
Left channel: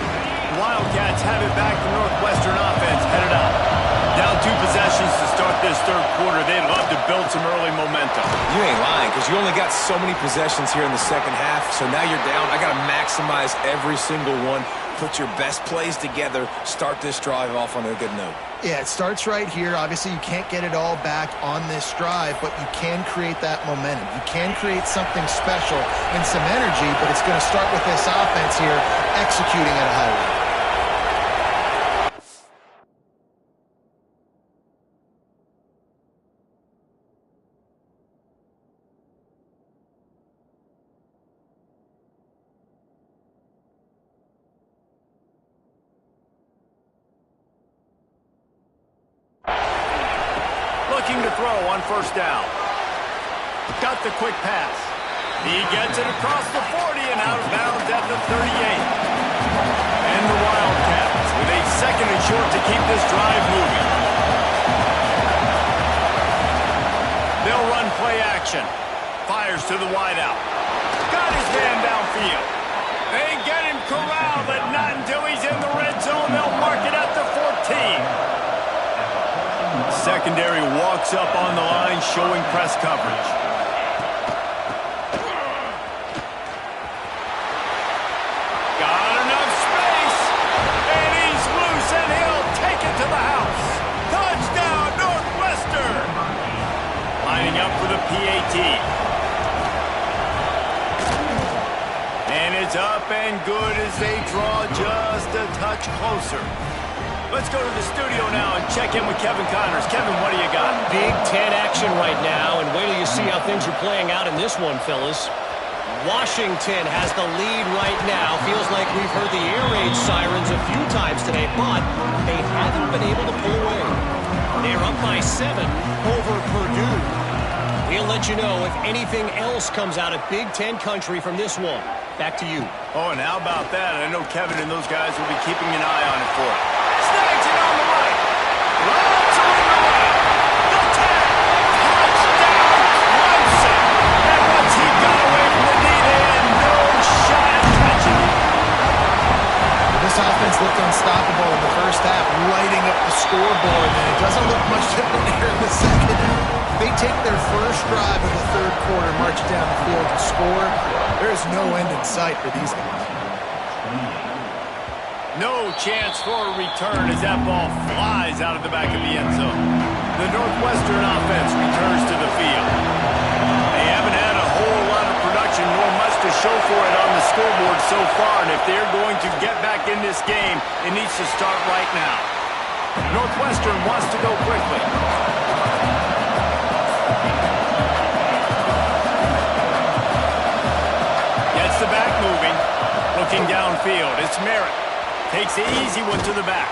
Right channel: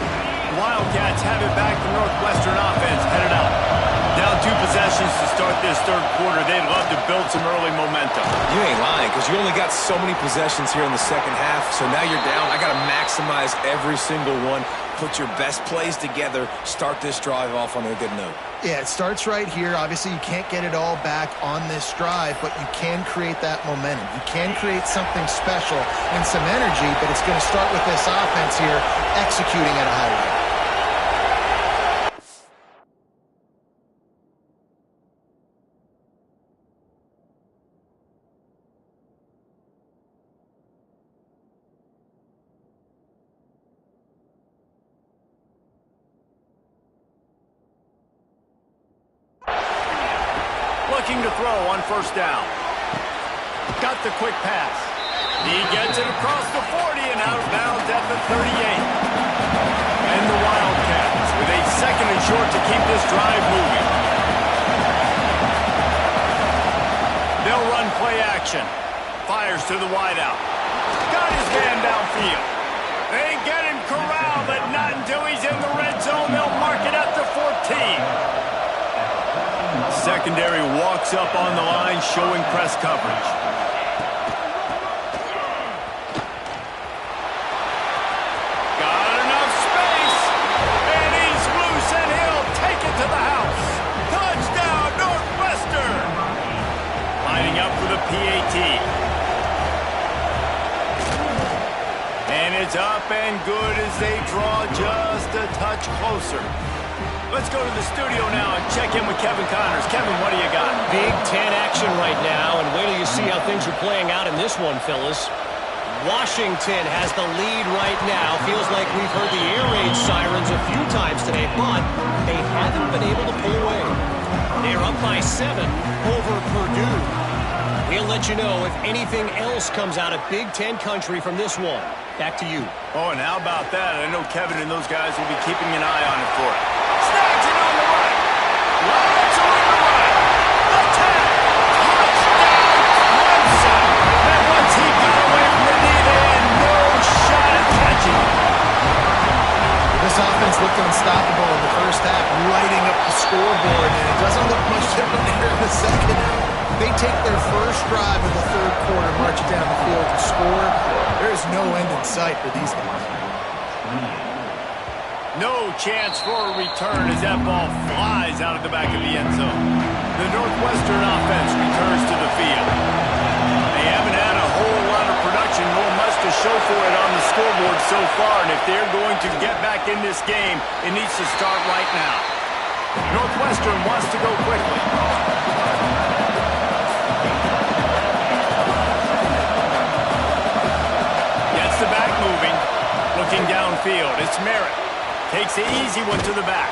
Wildcats have it back. The Northwestern offense headed out. Down 2 possessions to start this third quarter. They'd love to build some early momentum. You ain't lying, because you only got so many possessions here in the second half, so now you're down. I got to maximize every single one. Put your best plays together. Start this drive off on a good note. Yeah, it starts right here. Obviously, you can't get it all back on this drive, but you can create that momentum. You can create something special and some energy, but it's going to start with this offense here executing at a high level. Looking to throw on first down. Got the quick pass. He gets it across the 40 and out of bounds at the 38. And the Wildcats with a second and short to keep this drive moving. They'll run play action. Fires to the wideout. Got his man downfield. They get him corralled, but not until he's in the red zone. They'll mark it at the 14. Secondary walks up on the line, showing press coverage. Got enough space, and he's loose, and he'll take it to the house. Touchdown, Northwestern! Lining up for the PAT. And it's up and good as they draw just a touch closer. Let's go to the studio now and check in with Kevin Connors. Kevin, what do you got? Big Ten action right now, and wait till you see how things are playing out in this one, fellas. Washington has the lead right now. Feels like we've heard the air raid sirens a few times today, but they haven't been able to pull away. They're up by 7 over Purdue. We'll let you know if anything else comes out of Big Ten country from this one. Back to you. Oh, and how about that? I know Kevin and those guys will be keeping an eye on it for it. Snags it on the right. Lots of room to run. The 10. Touchdown, Clemson. And once he got away from the knee, they had no shot at catching him. This offense looked unstoppable in the first half, lighting up the scoreboard, and it doesn't look much different here in the second half. They take their first drive of the third quarter, march down the field and score. There is no end in sight for these guys. No chance for a return as that ball flies out of the back of the end zone. The Northwestern offense returns to the field. They haven't had a whole lot of production nor much to show for it on the scoreboard so far, and if they're going to get back in this game, it needs to start right now. Northwestern wants to go quickly. Gets the back moving. Looking downfield, it's Merritt. Takes the easy one to the back.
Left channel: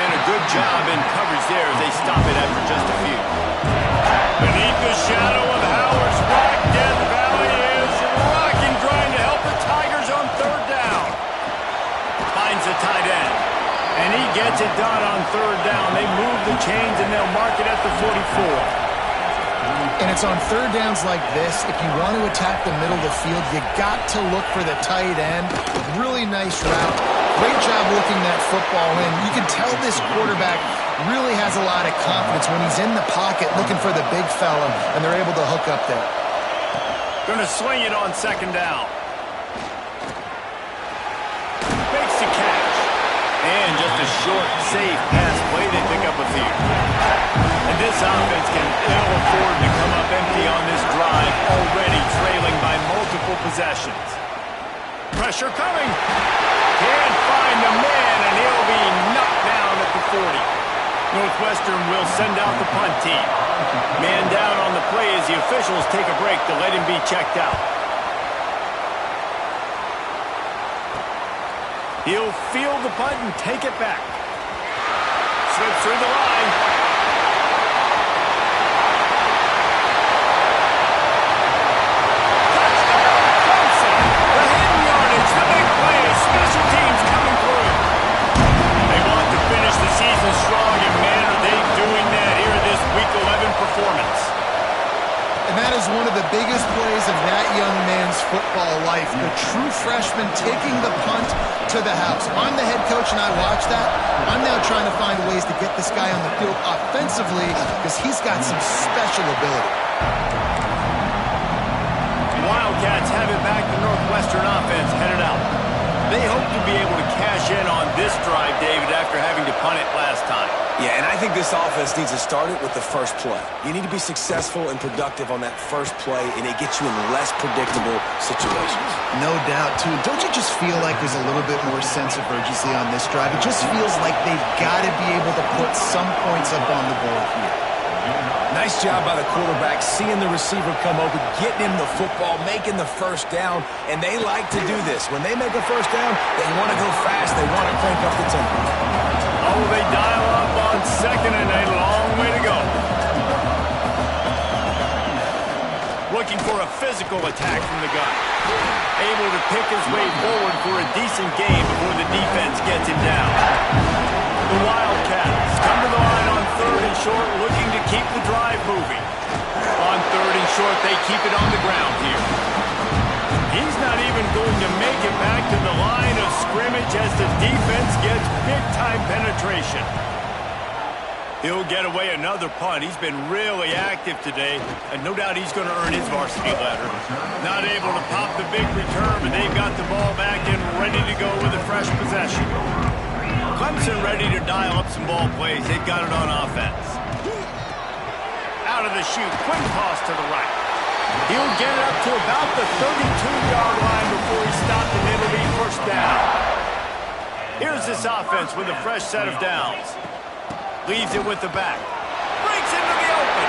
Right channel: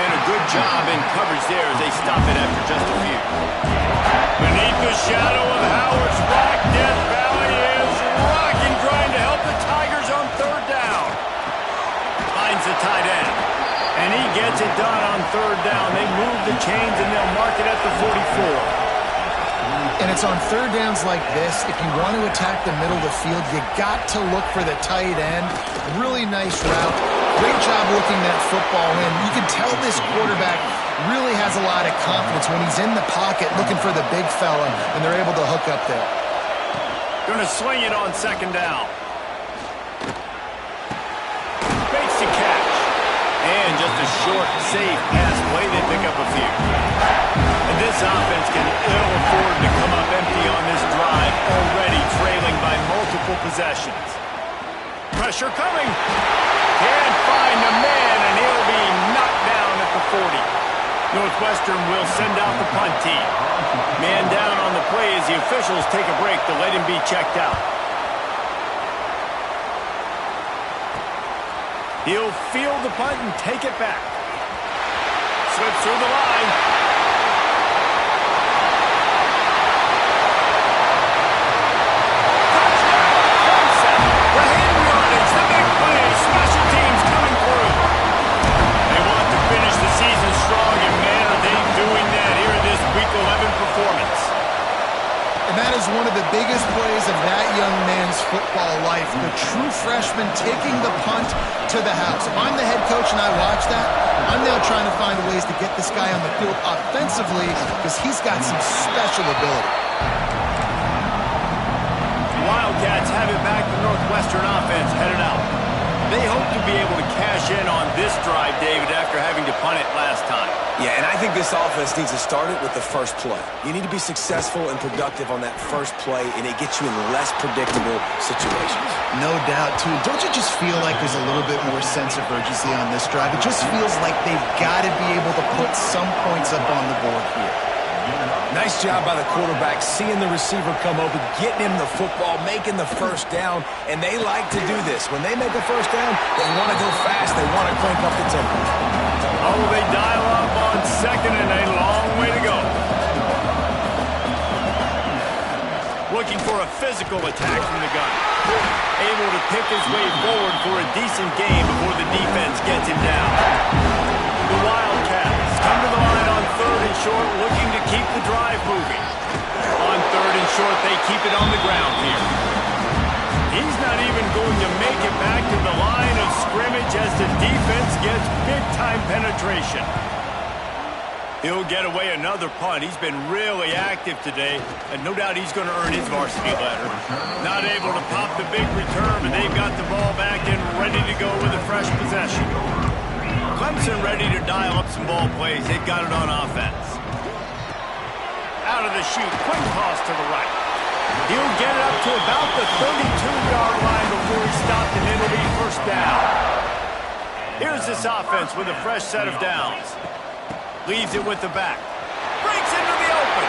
And a good job in coverage there as they stop it after just a few. Beneath the shadow of Howard's Rock, Death Valley is rocking, trying to help the Tigers on third down. Finds the tight end. And he gets it done on third down. They move the chains and they'll mark it at the 44. And it's on third downs like this. If you want to attack the middle of the field, you got to look for the tight end. Really nice route. Great job looking that football in. You can tell this quarterback really has a lot of confidence when he's in the pocket looking for the big fella, and they're able to hook up there. Going to swing it on second down. Makes the catch. And just a short, safe pass play. They pick up a few. And this offense can ill afford to come up empty on this drive, already trailing by multiple possessions. Pressure coming. Can't find a man, and he'll be knocked down at the 40. Northwestern will send out the punt team. Man down on the play as the officials take a break to let him be checked out. He'll field the punt and take it back. Slips through the line. Touchdown, Clemson. The hidden yardage, the big play, special teams coming through. They want to finish the season strong, and man, are they doing that here in this Week 11 performance. And that is one of the biggest plays of that young man's football life. The true freshman taking the punt to the house. If I'm the head coach and I watch that, I'm now trying to find ways to get this guy on the field offensively because he's got some special ability. Wildcats have it back. The Northwestern offense headed out. They hope to be able to cash in on this drive, David, after having to punt it last time. Yeah, and I think this offense needs to start it with the first play. You need to be successful and productive on that first play, and it gets you in less predictable situations. No doubt, too. Don't you just feel like there's a little bit more sense of urgency on this drive? It just feels like they've got to be able to put some points up on the board here. Nice job by the quarterback, seeing the receiver come open, getting him the football, making the first down, and they like to do this. When they make a first down, they want to go fast. They want to crank up the tempo. Oh, they dial up on second and a long way to go. Looking for a physical attack from the gun. Able to pick his way forward for a decent game before the defense gets him down. The Wildcats come to the line on 3rd and short, looking to keep the drive moving. On 3rd and short, they keep it on the ground here. He's not even going to make it back to the line of scrimmage as the defense gets big-time penetration. He'll get away another punt. He's been really active today, and no doubt he's going to earn his varsity letter. Not able to pop the big return, but they've got the ball back and ready to go with a fresh possession. Clemson ready to dial up some ball plays. They've got it on offense. Out of the chute, quick toss to the right. He'll get it up to about the 32-yard line before he's stopped, and it'll be first down. Here's this offense with a fresh set of downs. Leaves it with the back. Breaks into the open.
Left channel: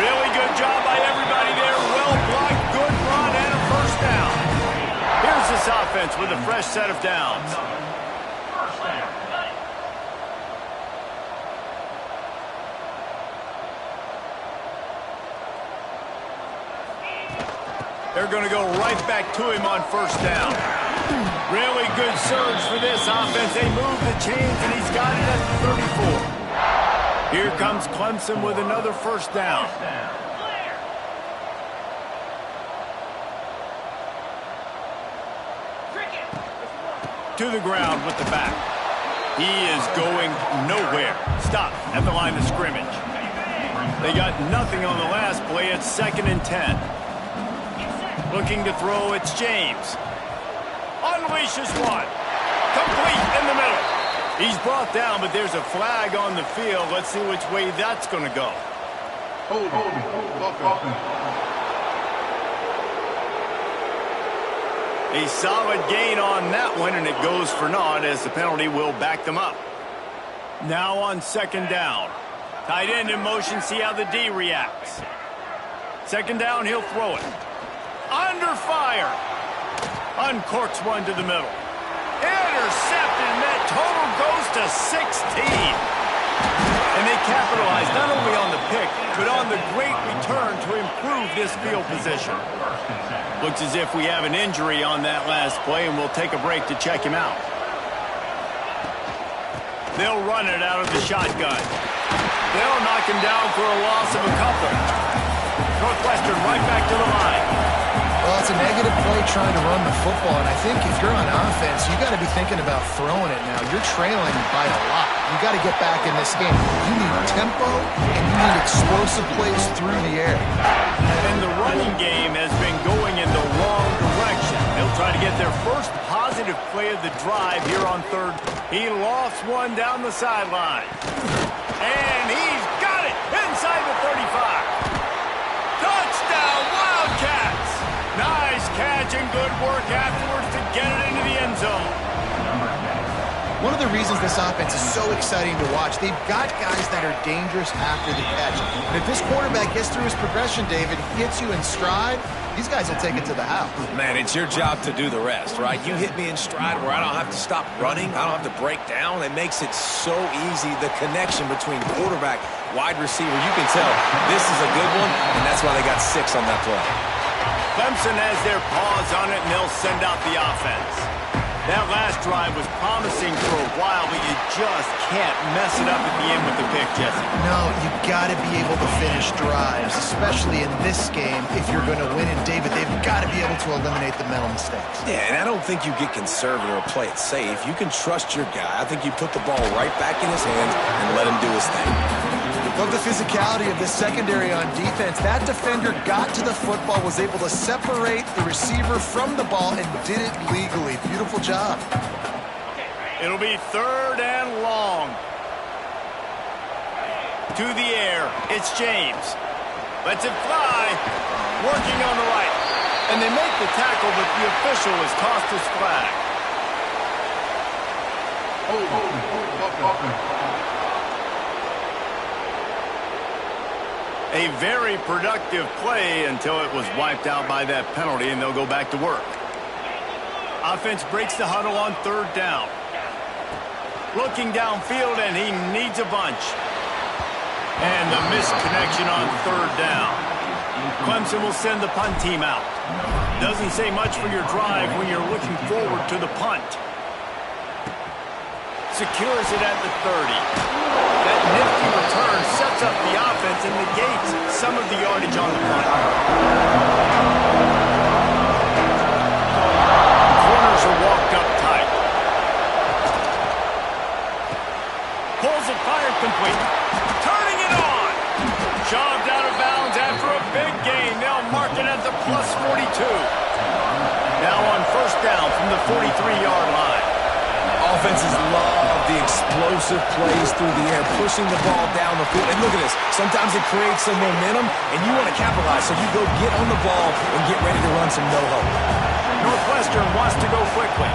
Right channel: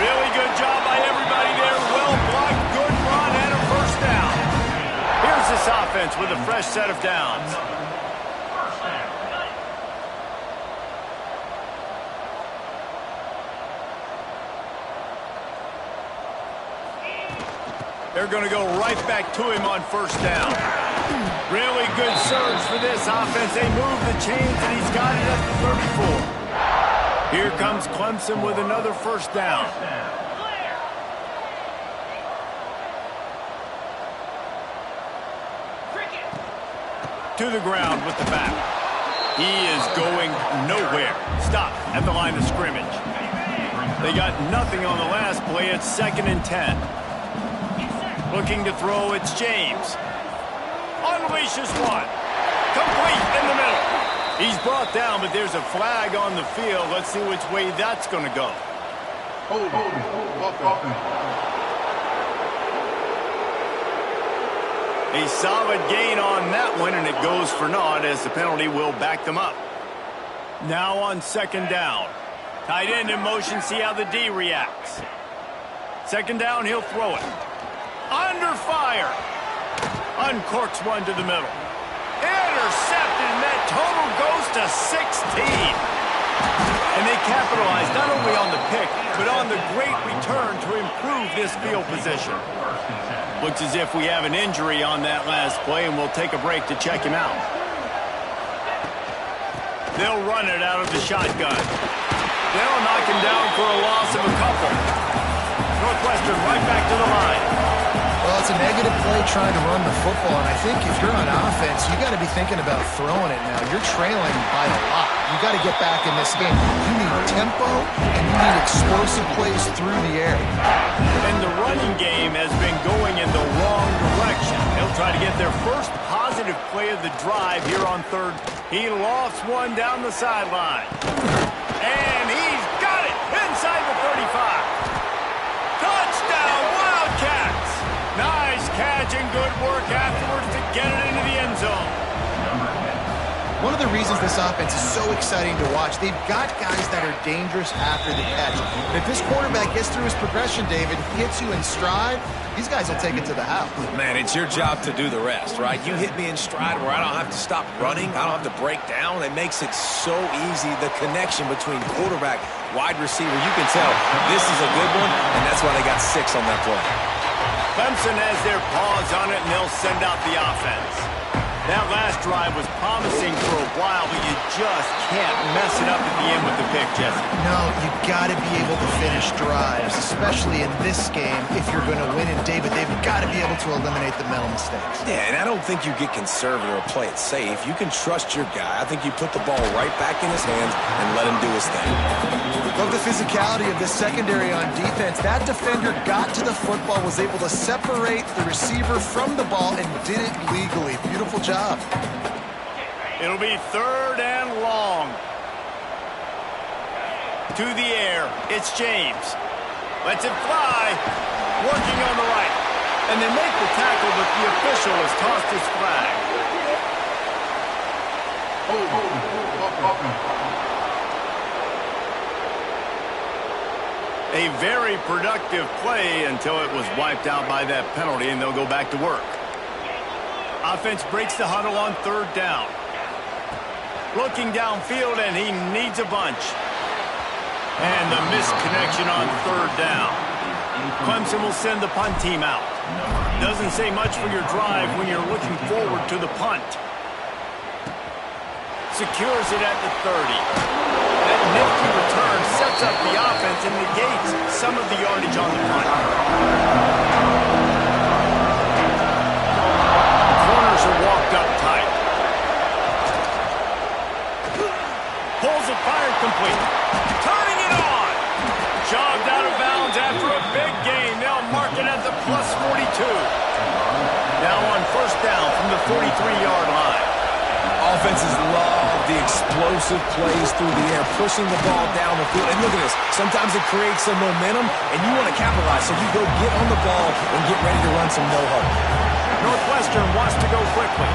Really good job by everybody there. Well blocked, good run, and a first down. Here's this offense with a fresh set of downs. They're going to go right back to him on first down. Really good surge for this offense. They move the chains, and he's got it at the 34. Here comes Clemson with another first down. To the ground with the back. He is going nowhere. Stop at the line of scrimmage. They got nothing on the last play. It's 2nd and 10. Looking to throw, it's James. Unleashes one. Complete in the middle. He's brought down, but there's a flag on the field. Let's see which way that's going to go. Hold. A solid gain on that one, and it goes for naught as the penalty will back them up. Now on 2nd down. Tight end in motion, see how the D reacts. 2nd down, he'll throw it. Under fire. Uncorks one to the middle. Intercepted, and that total goes to 16. And they capitalize not only on the pick, but on the great return to improve this field position. Looks as if we have an injury on that last play, and we'll take a break to check him out. They'll run it out of the shotgun. They'll knock him down for a loss of a couple. Northwestern right back to the line. Well, it's a negative play trying to run the football, and I think if you're on offense, you got to be thinking about throwing it now. You're trailing by a lot. You got to get back in this game. You need tempo, and you need explosive plays through the air. And the running game has been going in the wrong direction. They'll try to get their first positive play of the drive here on 3rd. He lofts one down the sideline. And he's got it inside the 35. Touchdown, Wildcats! Nice catch and good work afterwards to get it into the end zone. One of the reasons this offense is so exciting to watch, they've got guys that are dangerous after the catch. And if this quarterback gets through his progression, David, hits you in stride, these guys will take it to the house. Man, it's your job to do the rest, right? You hit me in stride where I don't have to stop running. I don't have to break down. It makes it so easy. The connection between quarterback, wide receiver, you can tell this is a good one, and that's why they got 6 on that play. Clemson has their paws on it, and they'll send out the offense. That last drive was promising for a worthwhile, but you just can't mess it up at the end with the pick, Jesse. No, you got to be able to finish drives, especially in this game. If you're going to win, and David, they've got to be able to eliminate the mental mistakes. Yeah, and I don't think you get conservative or play it safe. You can trust your guy. I think you put the ball right back in his hands and let him do his thing. Love the physicality of this secondary on defense. That defender got to the football, was able to separate the receiver from the ball, and did it legally. Beautiful job. It'll be 3rd and long. To the air, it's James. Lets it fly. Working on the right. And they make the tackle, but the official has tossed his flag. A very productive play until it was wiped out by that penalty, and they'll go back to work. Offense breaks the huddle on 3rd down. Looking downfield, and he needs a bunch. And the missed connection on 3rd down. Clemson will send the punt team out. Doesn't say much for your drive when you're looking forward to the punt. Secures it at the 30. That nifty return sets up the offense and negates some of the yardage on the punt. The corners are walked up tight. Pulls it, fired complete. Turning it on. Shoved out of bounds after a big gain. They'll mark it at the plus 42. Now on 1st down from the 43-yard line. Offenses love the explosive plays through the air, pushing the ball down the field. And look at this. Sometimes it creates some momentum, and you want to capitalize. So you go get on the ball and get ready to run some no-huddle. Northwestern wants to go quickly.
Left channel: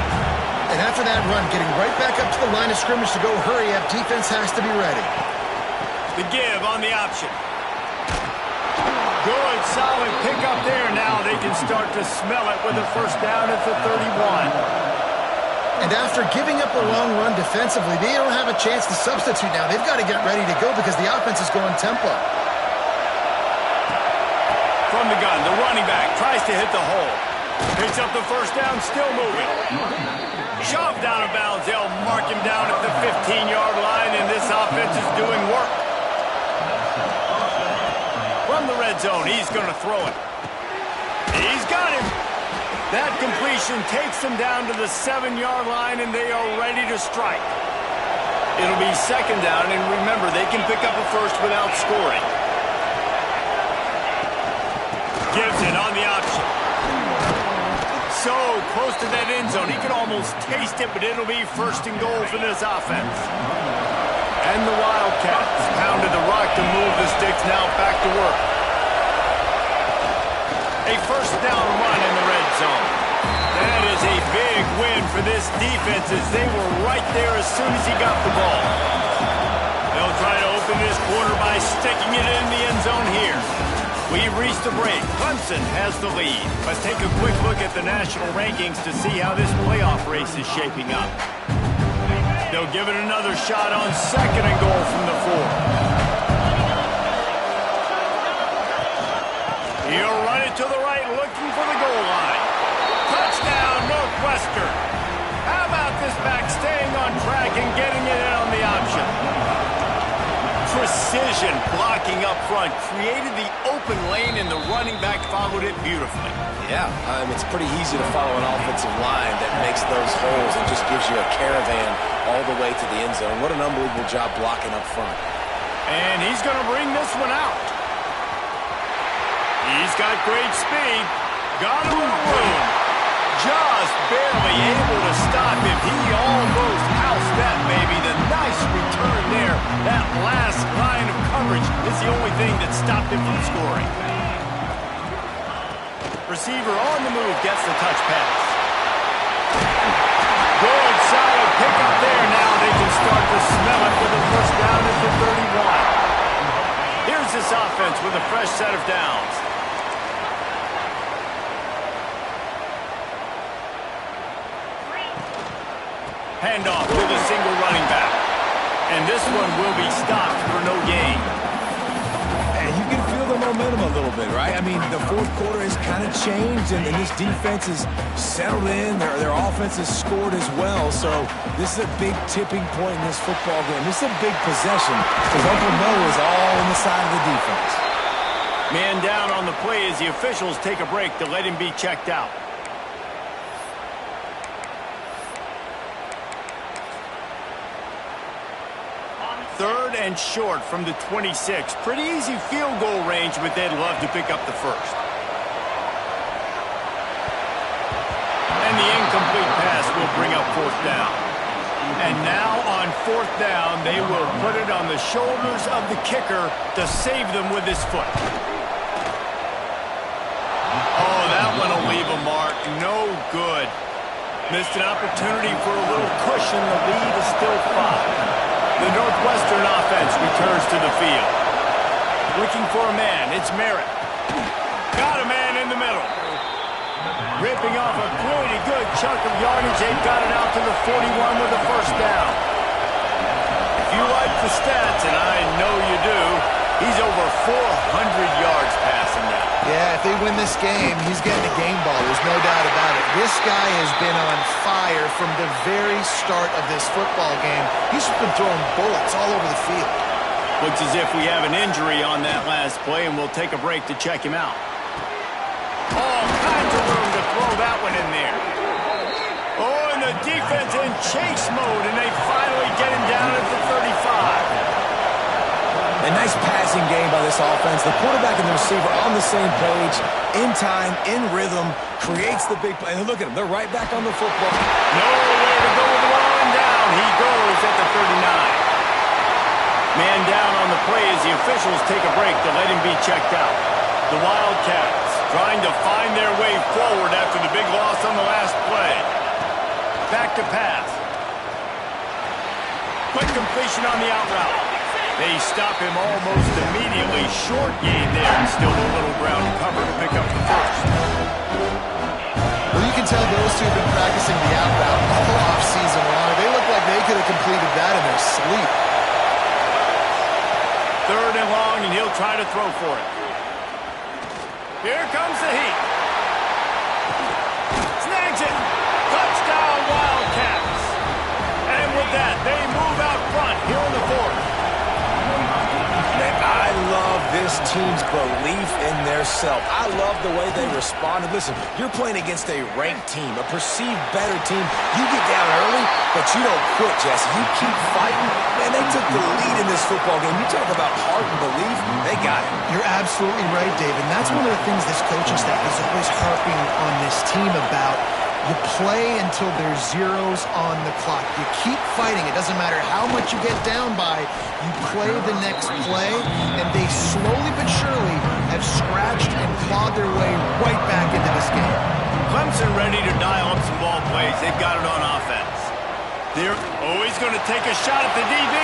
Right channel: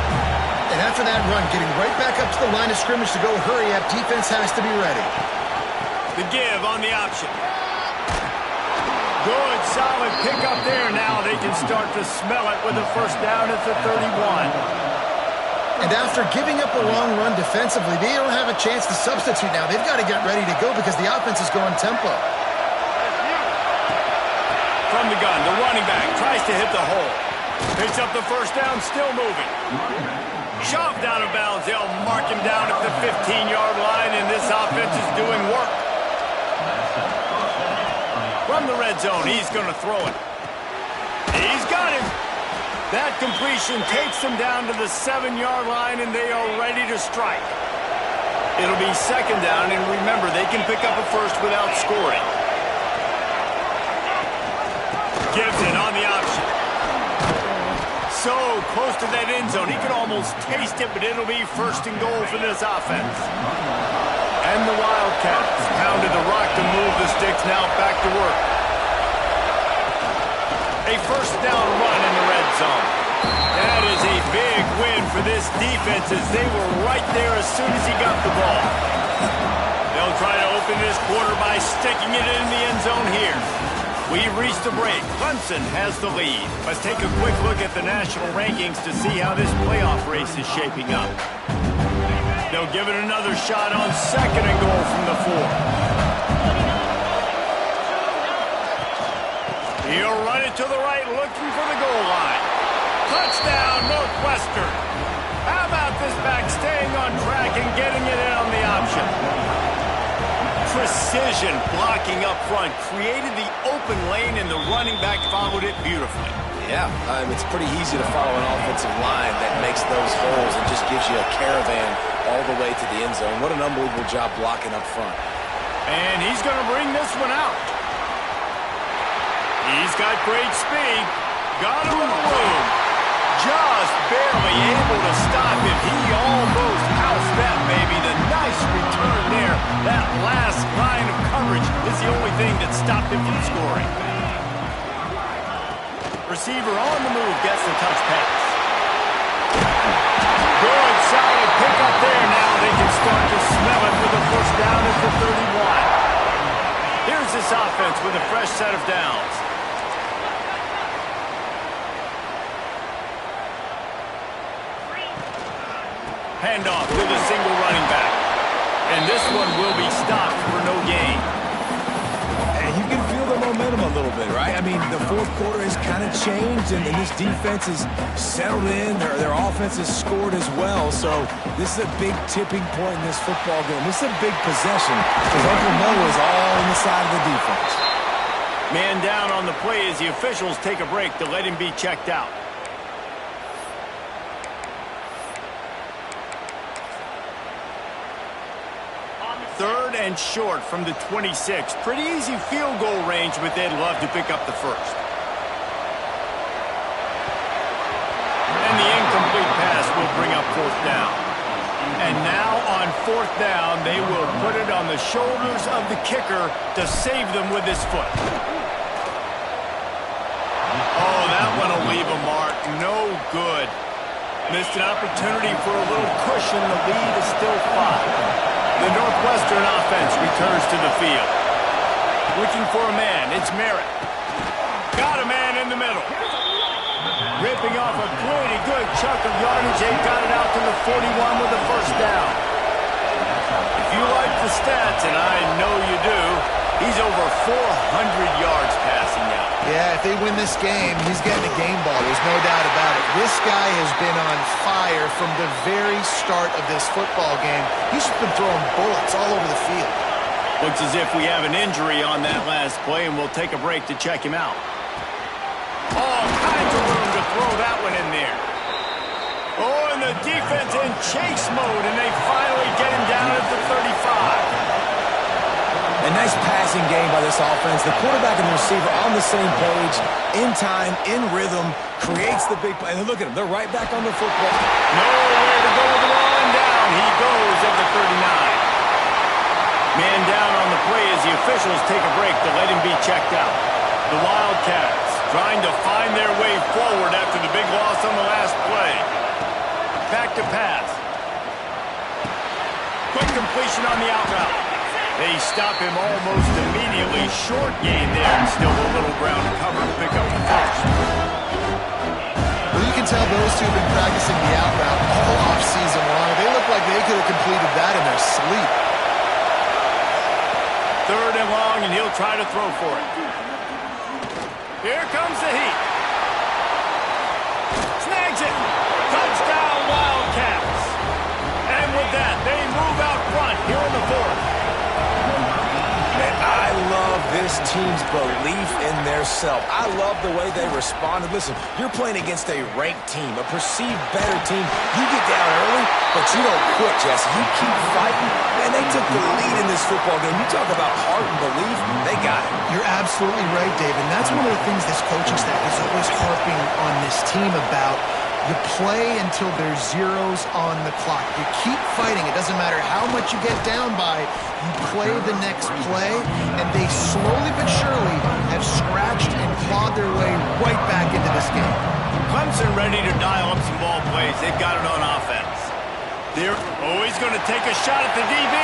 And after that run, getting right back up to the line of scrimmage to go hurry up, defense has to be ready. The give on the option. Good, solid pickup there. Now they can start to smell it with a 1st down at the 31. And after giving up a long run defensively, they don't have a chance to substitute now. They've got to get ready to go because the offense is going tempo. From the gun, the running back tries to hit the hole. Picks up the 1st down, still moving. Shoved out of bounds. They'll mark him down at the 15-yard line, and this offense is doing work. From the red zone, he's going to throw it. He's got him. That completion takes them down to the 7-yard line, and they are ready to strike. It'll be 2nd down, and remember, they can pick up a 1st without scoring. Gibson on the option. So close to that end zone. He could almost taste it, but it'll be 1st and goal for this offense. And the Wildcats pounded the rock to move the sticks, now back to work. A 1st down run in the red zone. That is a big win for this defense as they were right there as soon as he got the ball. They'll try to open this quarter by sticking it in the end zone here. We've reached the break. Clemson has the lead. Let's take a quick look at the national rankings to see how this playoff race is shaping up. They'll give it another shot on 2nd and goal from the 4. He'll run it to the right, looking for the goal line. Touchdown, Northwestern. How about this back staying on track and getting it in on the option? Precision blocking up front created the open lane, and the running back followed it beautifully. Yeah, it's pretty easy to follow an offensive line that makes those holes and just gives you a caravan all the way to the end zone. What an unbelievable job blocking up front. And he's going to bring this one out. He's got great speed. Got a little room. Just barely able to stop him. He almost housed that baby. The nice return there. That last line of coverage is the only thing that stopped him from scoring. Receiver on the move gets the touch pass. Good, solid pickup there. Now they can start to smell it with a 1st down at the 31. Here's this offense with a fresh set of downs. Handoff to the single running back. And this one will be stopped for no gain. And you can feel the momentum momentum a little bit, right? I mean, the fourth quarter has kind of changed, and this defense is settled in. Their offense has scored as well, so this is a big tipping point in this football game. This is a big possession because Uncle Noah is all on the side of the defense. Man down on the play as the officials take a break to let him be checked out. Third and short from the 26. Pretty easy field goal range, but they'd love to pick up the first. And the incomplete pass will bring up fourth down. And now on fourth down, they will put it on the shoulders of the kicker to save them with his foot. Oh, that one will leave a mark. No good. Missed an opportunity for a little cushion. The lead is still 5. The Northwestern offense returns to the field. Looking for a man, it's Merritt. Got a man in the middle. Ripping off a pretty good chunk of yardage. They've got it out to the 41 with the first down. If you like the stats, and I know you do, he's over 400 yards passing now. Yeah, if they win this game, he's getting a game ball. There's no doubt about it. This guy has been on fire from the very start of this football game. He's been throwing bullets all over the field. Looks as if we have an injury on that last play, and we'll take a break to check him out. All kinds of room to throw that one in there. Oh, and the defense in chase mode, and they finally get him down at the 35. A nice passing game by this offense. The quarterback and the receiver on the same page, in time, in rhythm, creates the big play. And look at them. They're right back on the football. Nowhere to go with the ball, and down he goes at the 39. Man down on the play as the officials take a break to let him be checked out. The Wildcats trying to find their way forward after the big loss on the last play. Back to pass. Quick completion on the out route. They stop him almost immediately. Short gain there, and still a little ground to cover to pick up the first. Well, you can tell those two have been practicing the out route all off-season long. They look like they could have completed that in their sleep. Third and long, and he'll try to throw for it. Here comes the heat. Snags it. Touchdown, Wildcats. And with that, they move out front here in the fourth. Man, I love this team's belief in their self. I love the way they responded. Listen, you're playing against a ranked team, a perceived better team. You get down early, but you don't quit, Jesse. You keep fighting. Man, they took the lead in this football game. You talk about heart and belief, they got it. You're absolutely right, Dave. And that's one of the things this coaching staff is always harping on this team about. You play until there's zeros on the clock. You keep fighting. It doesn't matter how much you get down by. You play the next play, and they slowly but surely have scratched and clawed their way right back into this game. Clemson ready to dial up some ball plays. They've got it on offense. They're always going to take a shot at the DB.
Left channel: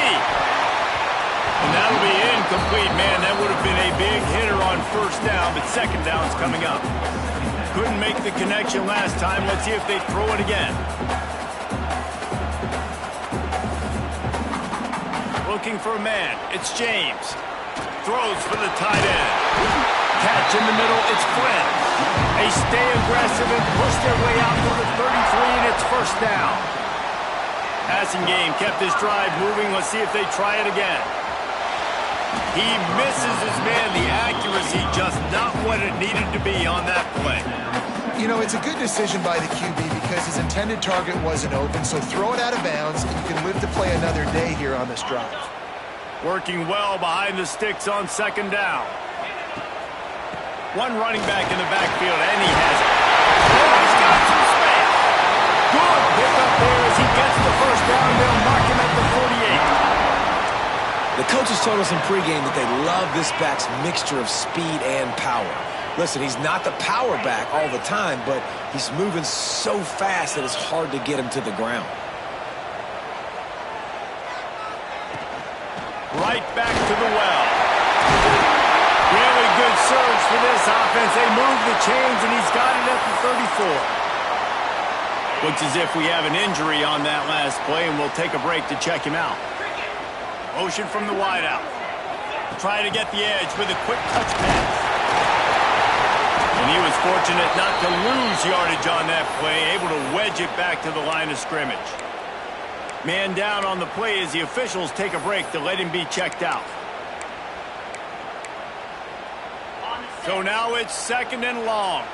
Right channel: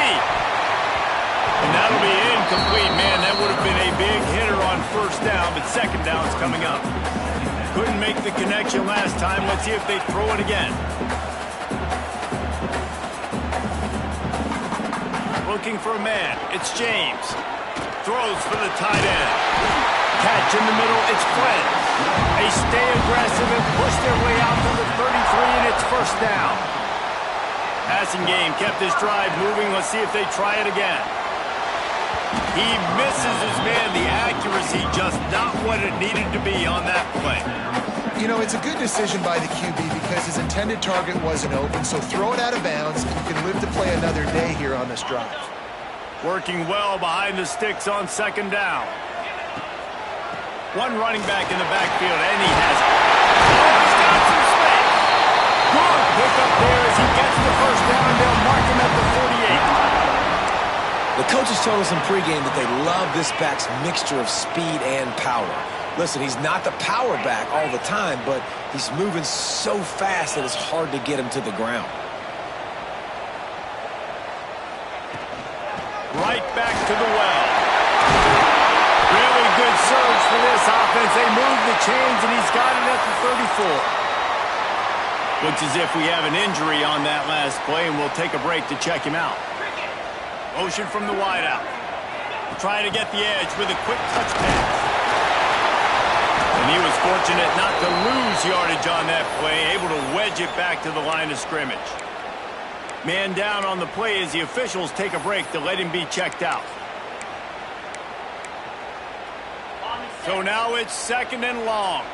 And that'll be incomplete. Man, that would have been a big hitter on first down, but second down's coming up. Couldn't make the connection last time. Let's see if they throw it again. Looking for a man. It's James. Throws for the tight end. Catch in the middle. It's Flynn. They stay aggressive and push their way out to the 33, and it's first down. Passing game kept this drive moving. Let's see if they try it again. He misses his man. The accuracy just not what it needed to be on that play. You know, it's a good decision by the QB because his intended target wasn't open, so throw it out of bounds, and you can live to play another day here on this drive. Working well behind the sticks on second down. One running back in the backfield, and he has it. Oh, he's got some space. Good pickup there as he gets the first down. They'll mark him at the 48. The coaches told us in pregame that they love this back's mixture of speed and power. Listen, he's not the power back all the time, but he's moving so fast that it's hard to get him to the ground. Right back to the well. Really good surge for this offense. They move the chains, and he's got it at the 34. Looks as if we have an injury on that last play, and we'll take a break to check him out. Motion from the wideout. Trying to get the edge with a quick touch pass. And he was fortunate not to lose yardage on that play, able to wedge it back to the line of scrimmage. Man down on the play as the officials take a break to let him be checked out. So now it's 2nd and long.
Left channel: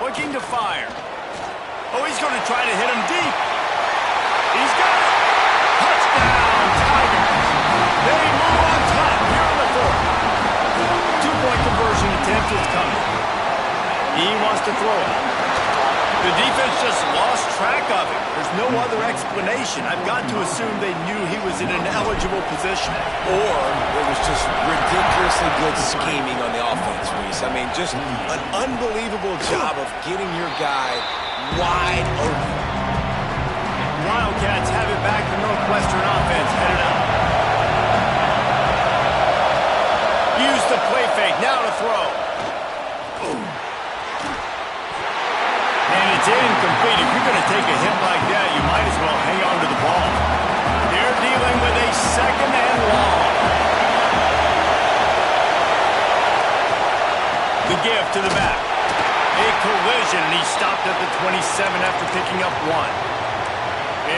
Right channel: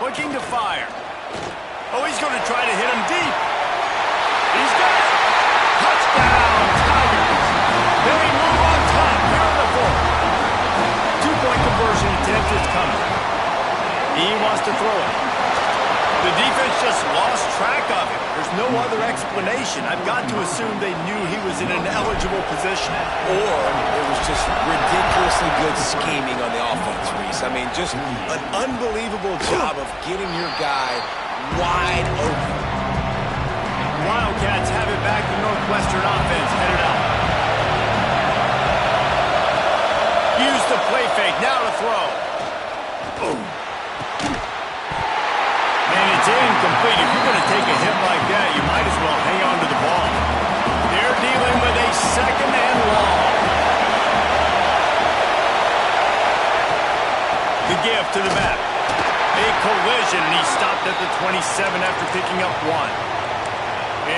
Looking to fire. Oh, he's going to try to hit him deep. He's got it. Touchdown, Tigers. They move on top here in the 4th. 2-point conversion attempt is coming. He wants to throw it. The defense just lost track of him. There's no other explanation. I've got to assume they knew he was in an eligible position. Or it was just ridiculously good scheming on the offense, Reese. I mean, just an unbelievable job of getting your guy wide open. Wildcats have it back. The Northwestern offense headed out. Use the play fake. Now to throw. Boom. And it's incomplete. If you're going to take a hit like that, you might as well hang on to the ball. They're dealing with a 2nd and long. The give to the back. A collision, and he stopped at the 27 after picking up 1.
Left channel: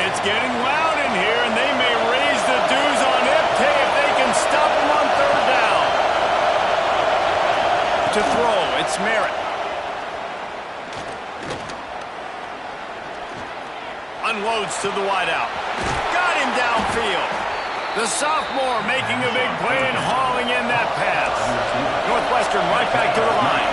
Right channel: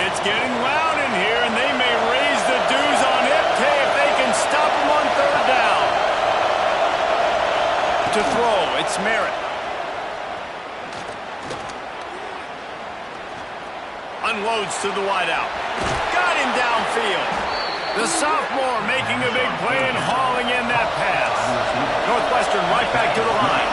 It's getting loud in here, and they may raise the dues on Ipte if they can stop him on 3rd down. To throw, it's Merritt. Unloads to the wideout. Got him downfield. The sophomore making a big play and hauling in that pass. Northwestern right back to the line.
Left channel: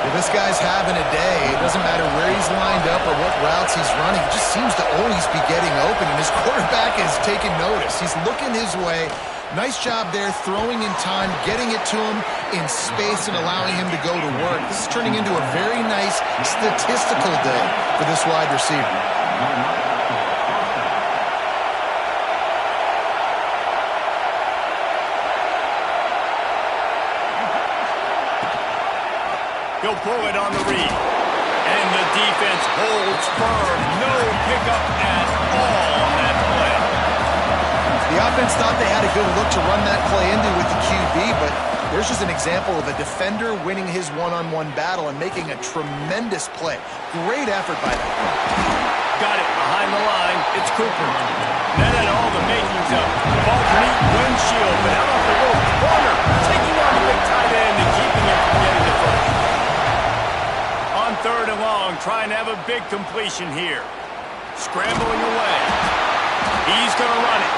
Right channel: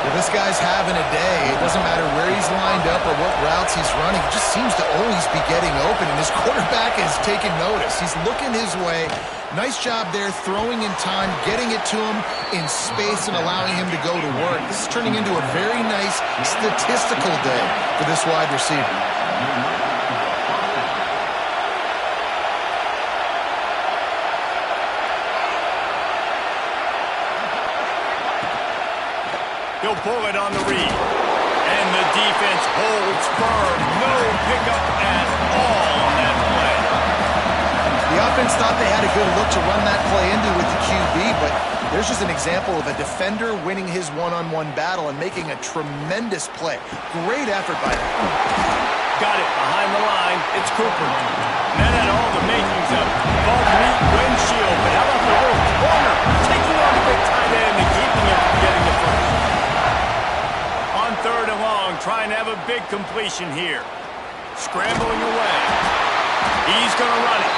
Well, this guy's having a day. It doesn't matter where he's lined up or what routes he's running. He just seems to always be getting open, and his quarterback is taking notice. He's looking his way. Nice job there, throwing in time, getting it to him in space and allowing him to go to work. This is turning into a very nice statistical day for this wide receiver. He'll pull it on the read. And the defense holds firm. No pickup at all on that play. The offense thought they had a good look to run that play into with the QB, but there's just an example of a defender winning his one-on-one battle and making a tremendous play. Great effort by them. Got it behind the line. It's Cooper. That had all the makings of ball neat windshield, but how about the little corner taking on the big tight end and keeping him from getting the first? On 3rd and long, trying to have a big completion here. Scrambling away. He's going to run it.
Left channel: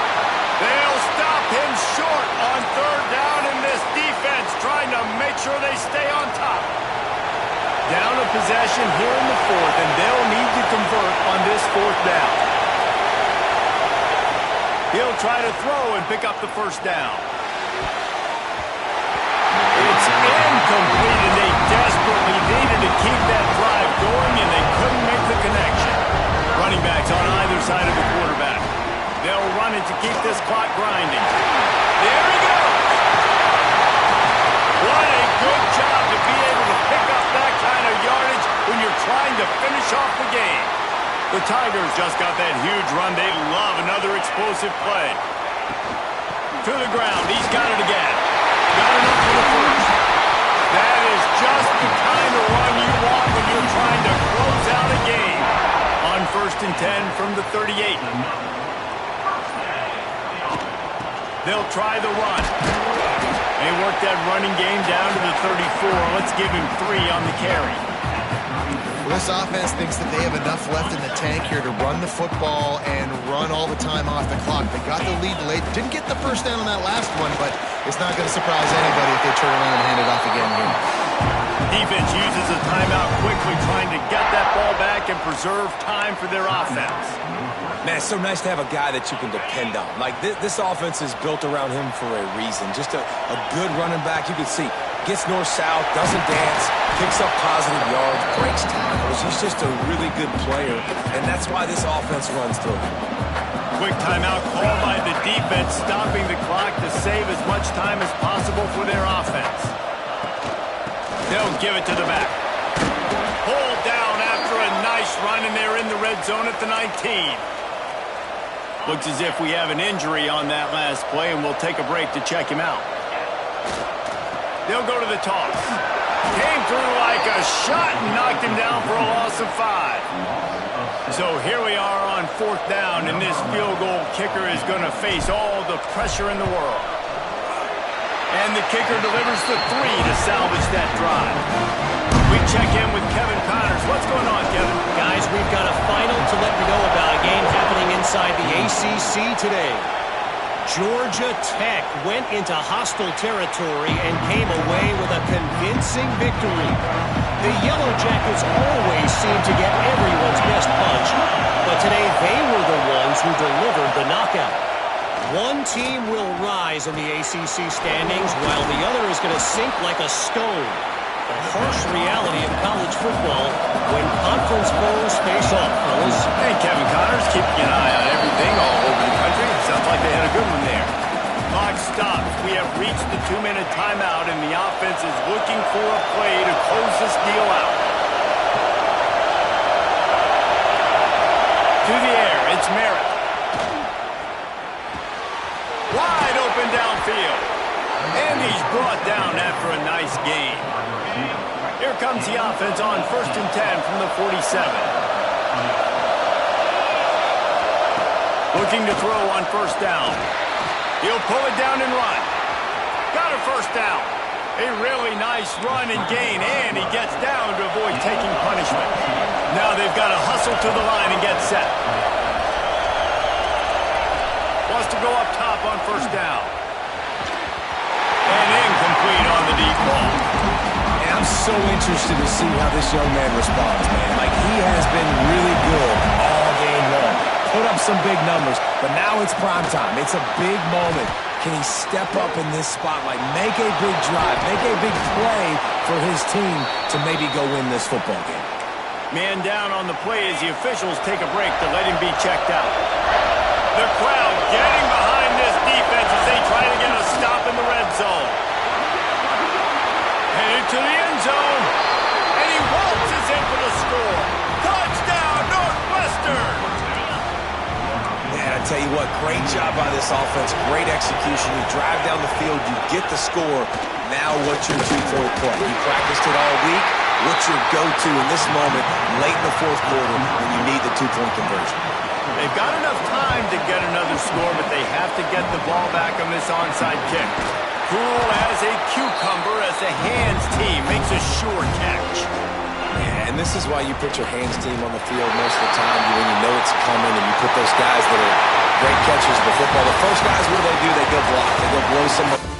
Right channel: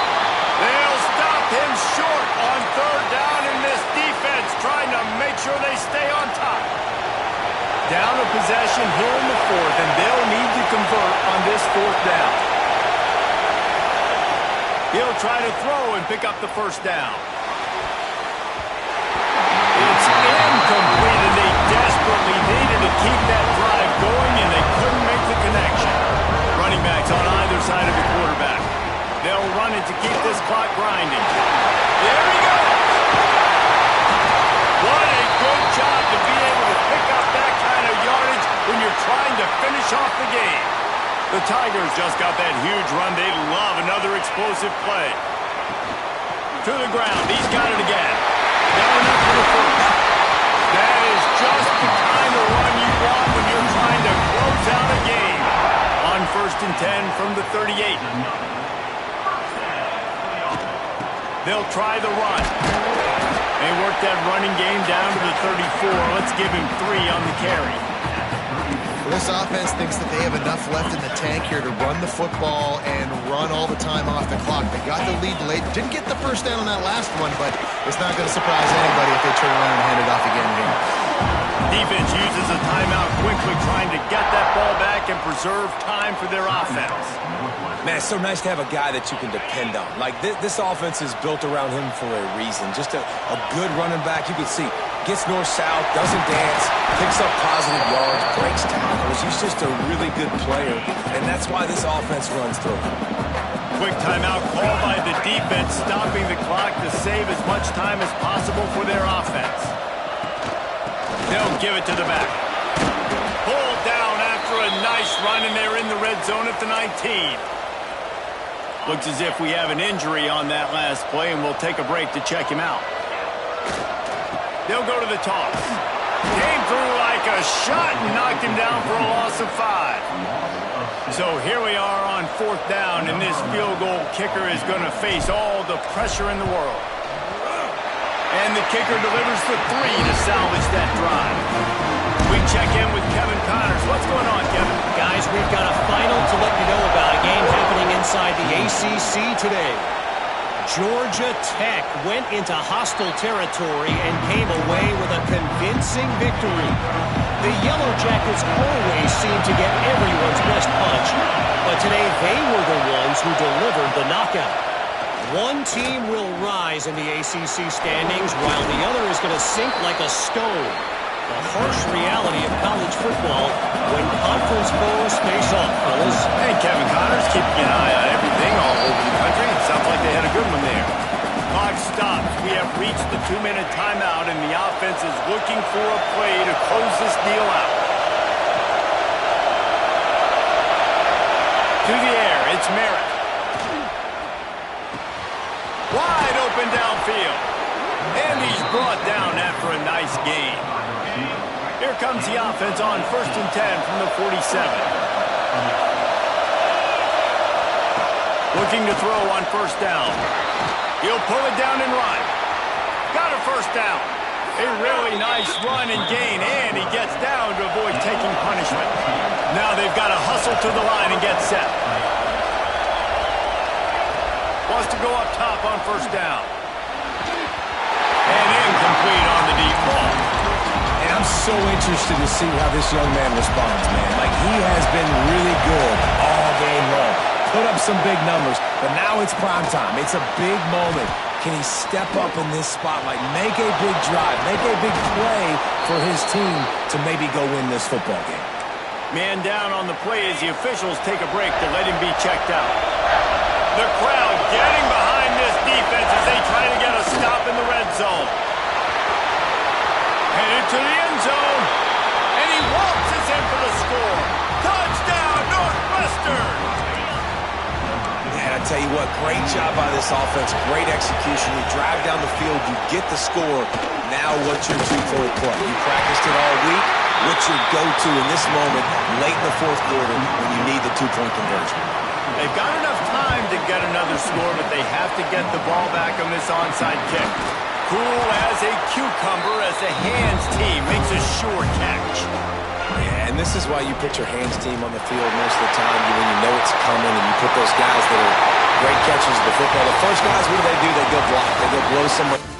They'll stop him short on 3rd down, and this defense trying to make sure they stay on top. Down a possession here in the 4th, and they'll need to convert on this 4th down. He'll try to throw and pick up the 1st down. It's incomplete, and they desperately needed to keep that drive going, and they couldn't make the connection. Running backs on either side of the quarterback. They'll run it to keep this clock grinding. There he goes! What a good job to be able to pick up that kind of yardage when you're trying to finish off the game. The Tigers just got that huge run. They love another explosive play. To the ground. He's got it again. Got enough for the 1st. That is just the kind of run you want when you're trying to close out a game. On 1st and 10 from the 38. They'll try the run. They work that running game down to the 34. Let's give him 3 on the carry. Well, this offense thinks that they have enough left in the tank here to run the football and run all the time off the clock. They got the lead late. Didn't get the 1st down on that last one, but it's not going to surprise anybody if they turn around and hand it off again here. Defense uses a timeout quickly, trying to get that ball back and preserve time for their offense. Man, it's so nice to have a guy that you can depend on. Like, this offense is built around him for a reason. Just a good running back. You can see, gets north-south, doesn't dance, picks up positive yards, breaks tackles. He's just a really good player, and that's why this offense runs through him. Quick timeout called by the defense, stopping the clock to save as much time as possible for their offense. They'll give it to the back. Pulled down after a nice run, and they're in the red zone at the 19. Looks as if we have an injury on that last play, and we'll take a break to check him out. He'll go to the toss. Came through like a shot and knocked him down for a loss of 5. So here we are on 4th down, and this field goal kicker is going to face all the pressure in the world. And the kicker delivers the 3 to salvage that drive. We check in with Kevin Connors. What's going on, Kevin? Guys, we've got a final to let you know about, a game happening inside the ACC today. Georgia Tech went into hostile territory and came away with a convincing victory. The Yellow Jackets always seem to get everyone's best punch, but today they were the ones who delivered the knockout. One team will rise in the ACC standings while the other is going to sink like a stone. The harsh reality of college football when conference foes face off, fellas. Hey, Kevin Connors keeping an eye on everything all over the country. Sounds like they had a good one there. Clock stops. We have reached the 2-minute timeout, and the offense is looking for a play to close this deal out. To the air, it's Merritt. Wide open downfield. And he's brought down after a nice gain. Here comes the offense on 1st and 10 from the 47. Looking to throw on 1st down. He'll pull it down and run. Got a 1st down. A really nice run and gain, and he gets down to avoid taking punishment. Now they've got to hustle to the line and get set. Wants to go up top on 1st down. And incomplete on the deep ball. And I'm so interested to see how this young man responds, man. Like, he has been really good all game long. Put up some big numbers, but now it's prime time. It's a big moment. Can he step up in this spotlight, make a big drive, make a big play for his team to maybe go win this football game? Man down on the play as the officials take a break to let him be checked out. The crowd getting behind this defense as they try to get a stop in the red zone. Headed to the end zone, and he waltzes in for the score. Touchdown, Northwestern! Man, I tell you what, great job by this offense, great execution. You drive down the field, you get the score. Now what's your two-point play? You practiced it all week. What's your go-to in this moment, late in the 4th quarter, when you need the two-point conversion? They've got enough time to get another score, but they have to get the ball back on this onside kick. Cool as a cucumber as the hands team makes a sure catch. Yeah, and this is why you put your hands team on the field most of the time when you know it's coming, and you put those guys that are great catchers of the football. The first guys, what do? They go block. They go blow somebody.